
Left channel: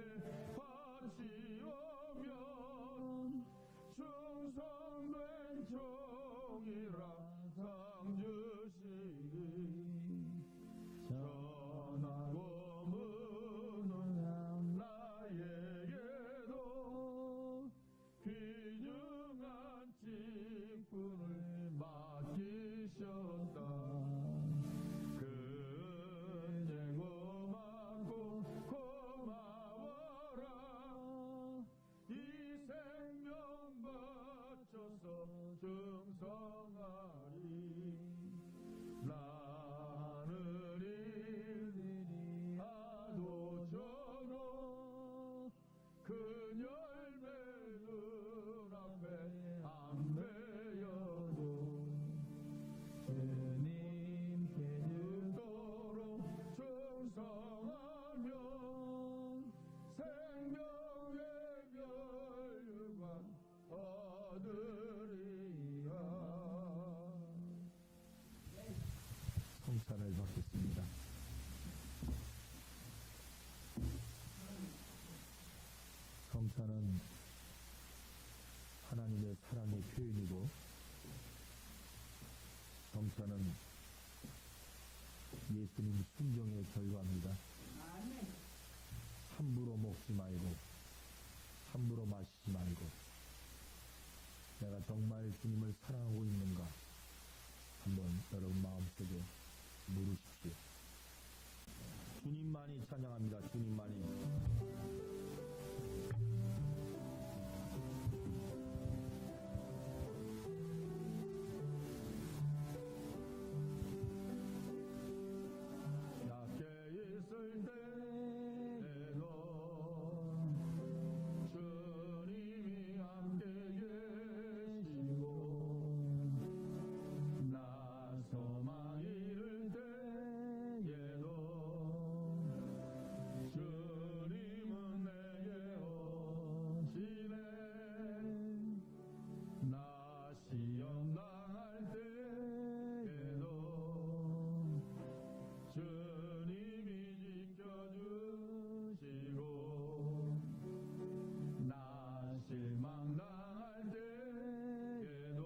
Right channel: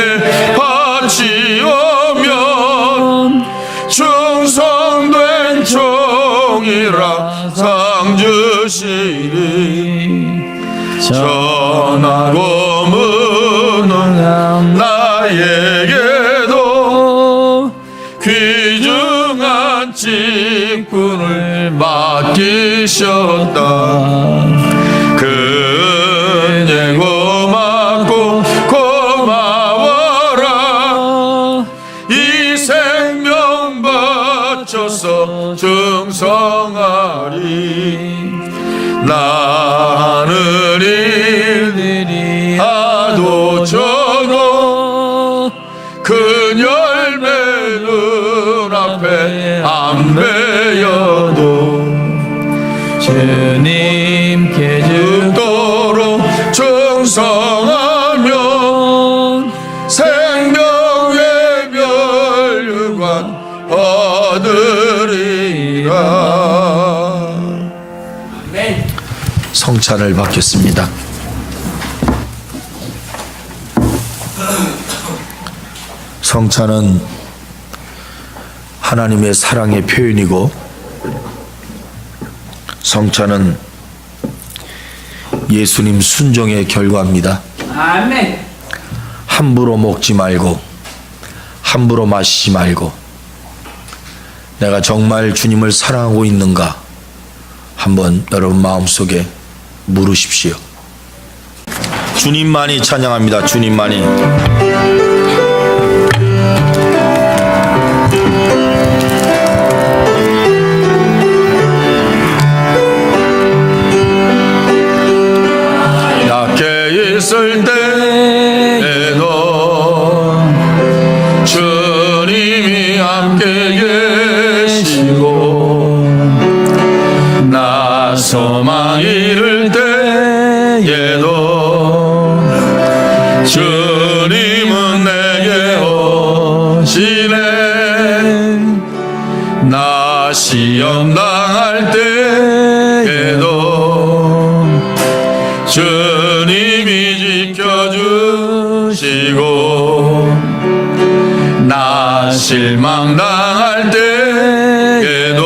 바치오면 충성된 종이라 상 주시리. 전하고 무능한 나에게도 귀중한 직분을 맡기셨다. 그 은혜 고맙고 고마워라. 이 생명 바쳐서 충성하리. 나는 일들이 하도 적어 그 열매 눈앞에 안 주님께 죽도록 충성하며 생명의 멸류관 얻으리라. 아멘. 성찬을 받겠습니다. 성찬은 하나님의 사랑의 표현이고, 성찬은 예수님 순종의 결과입니다. 아멘. 함부로 먹지 말고 함부로 마시지 말고, 내가 정말 주님을 사랑하고 있는가 한번 여러분 마음속에 물으십시오. 주님만이 찬양합니다. 주님만이. 낮게 있을 때에도 주님이 함께 계시고, 나 소망 잃을 때에도 주님은 내게 오시네. 나 시험 당할 때에도 주님이 지켜주시고, 나 실망 당할 때에도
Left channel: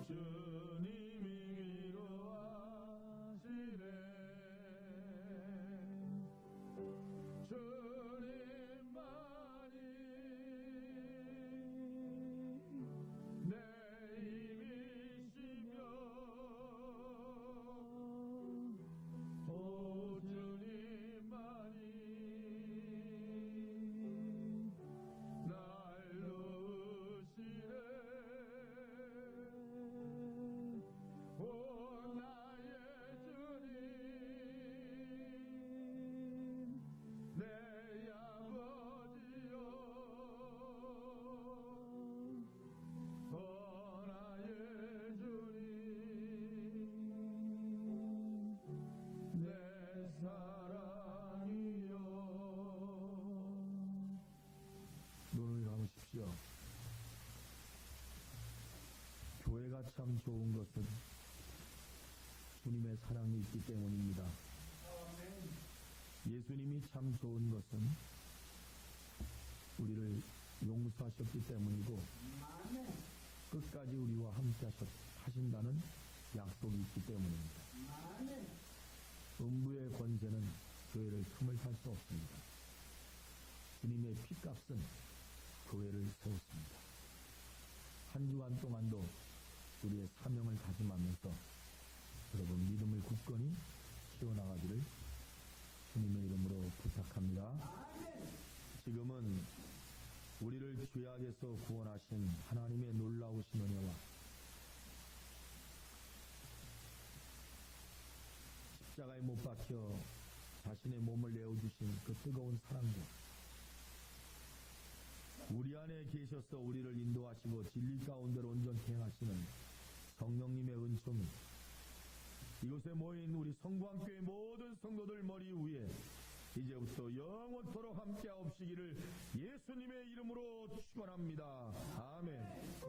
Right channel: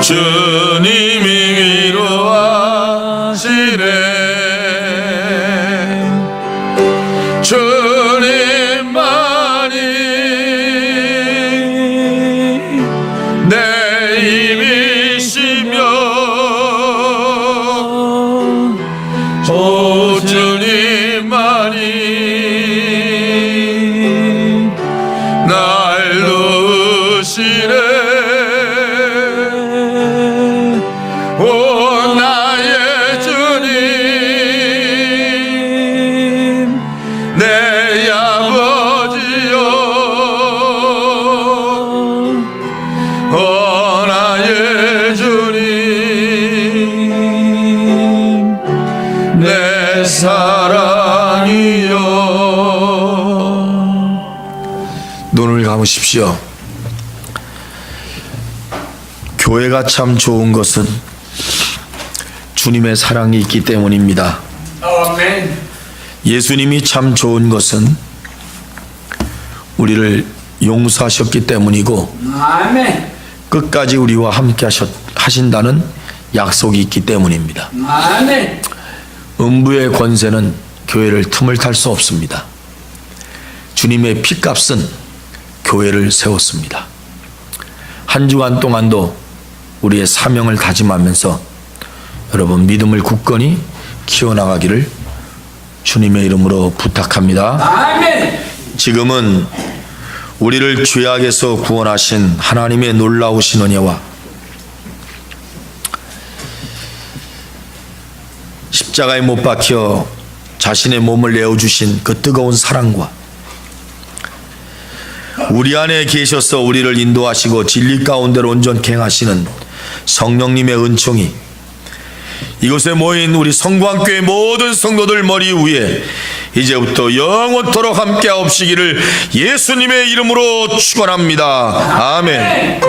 주님이 위로하시네. 주님만이 내 힘이시며, 오 주님만이 날 도우시네. 오 나의 주님, 내 아버지여, 오 나의 주님, 내 사랑이여. 눈을 감으십시오. 교회가 참 좋은 것은 주님의 사랑이 있기 때문입니다. 아멘. 예수님이 참 좋은 것은 우리를 용서하셨기 때문이고, 아멘. 끝까지 우리와 함께 하신다는 약속이 있기 때문입니다. 아멘. 음부의 권세는 교회를 틈을 탈 수 없습니다. 주님의 피값은 교회를 세웠습니다. 한 주간 동안도 우리의 사명을 다짐하면서 여러분 믿음을 굳건히 키워나가기를 주님의 이름으로 부탁합니다. 아멘. 지금은 우리를 죄악에서 구원하신 하나님의 놀라우신 은혜와 십자가에 못 박혀 자신의 몸을 내어주신 그 뜨거운 사랑과 우리 안에 계셔서 우리를 인도하시고 진리 가운데로 온전케 행하시는 성령님의 은총이 이곳에 모인 우리 성광교회 모든 성도들 머리 위에 이제부터 영원토록 함께 하옵시기를 예수님의 이름으로 축원합니다. 아멘.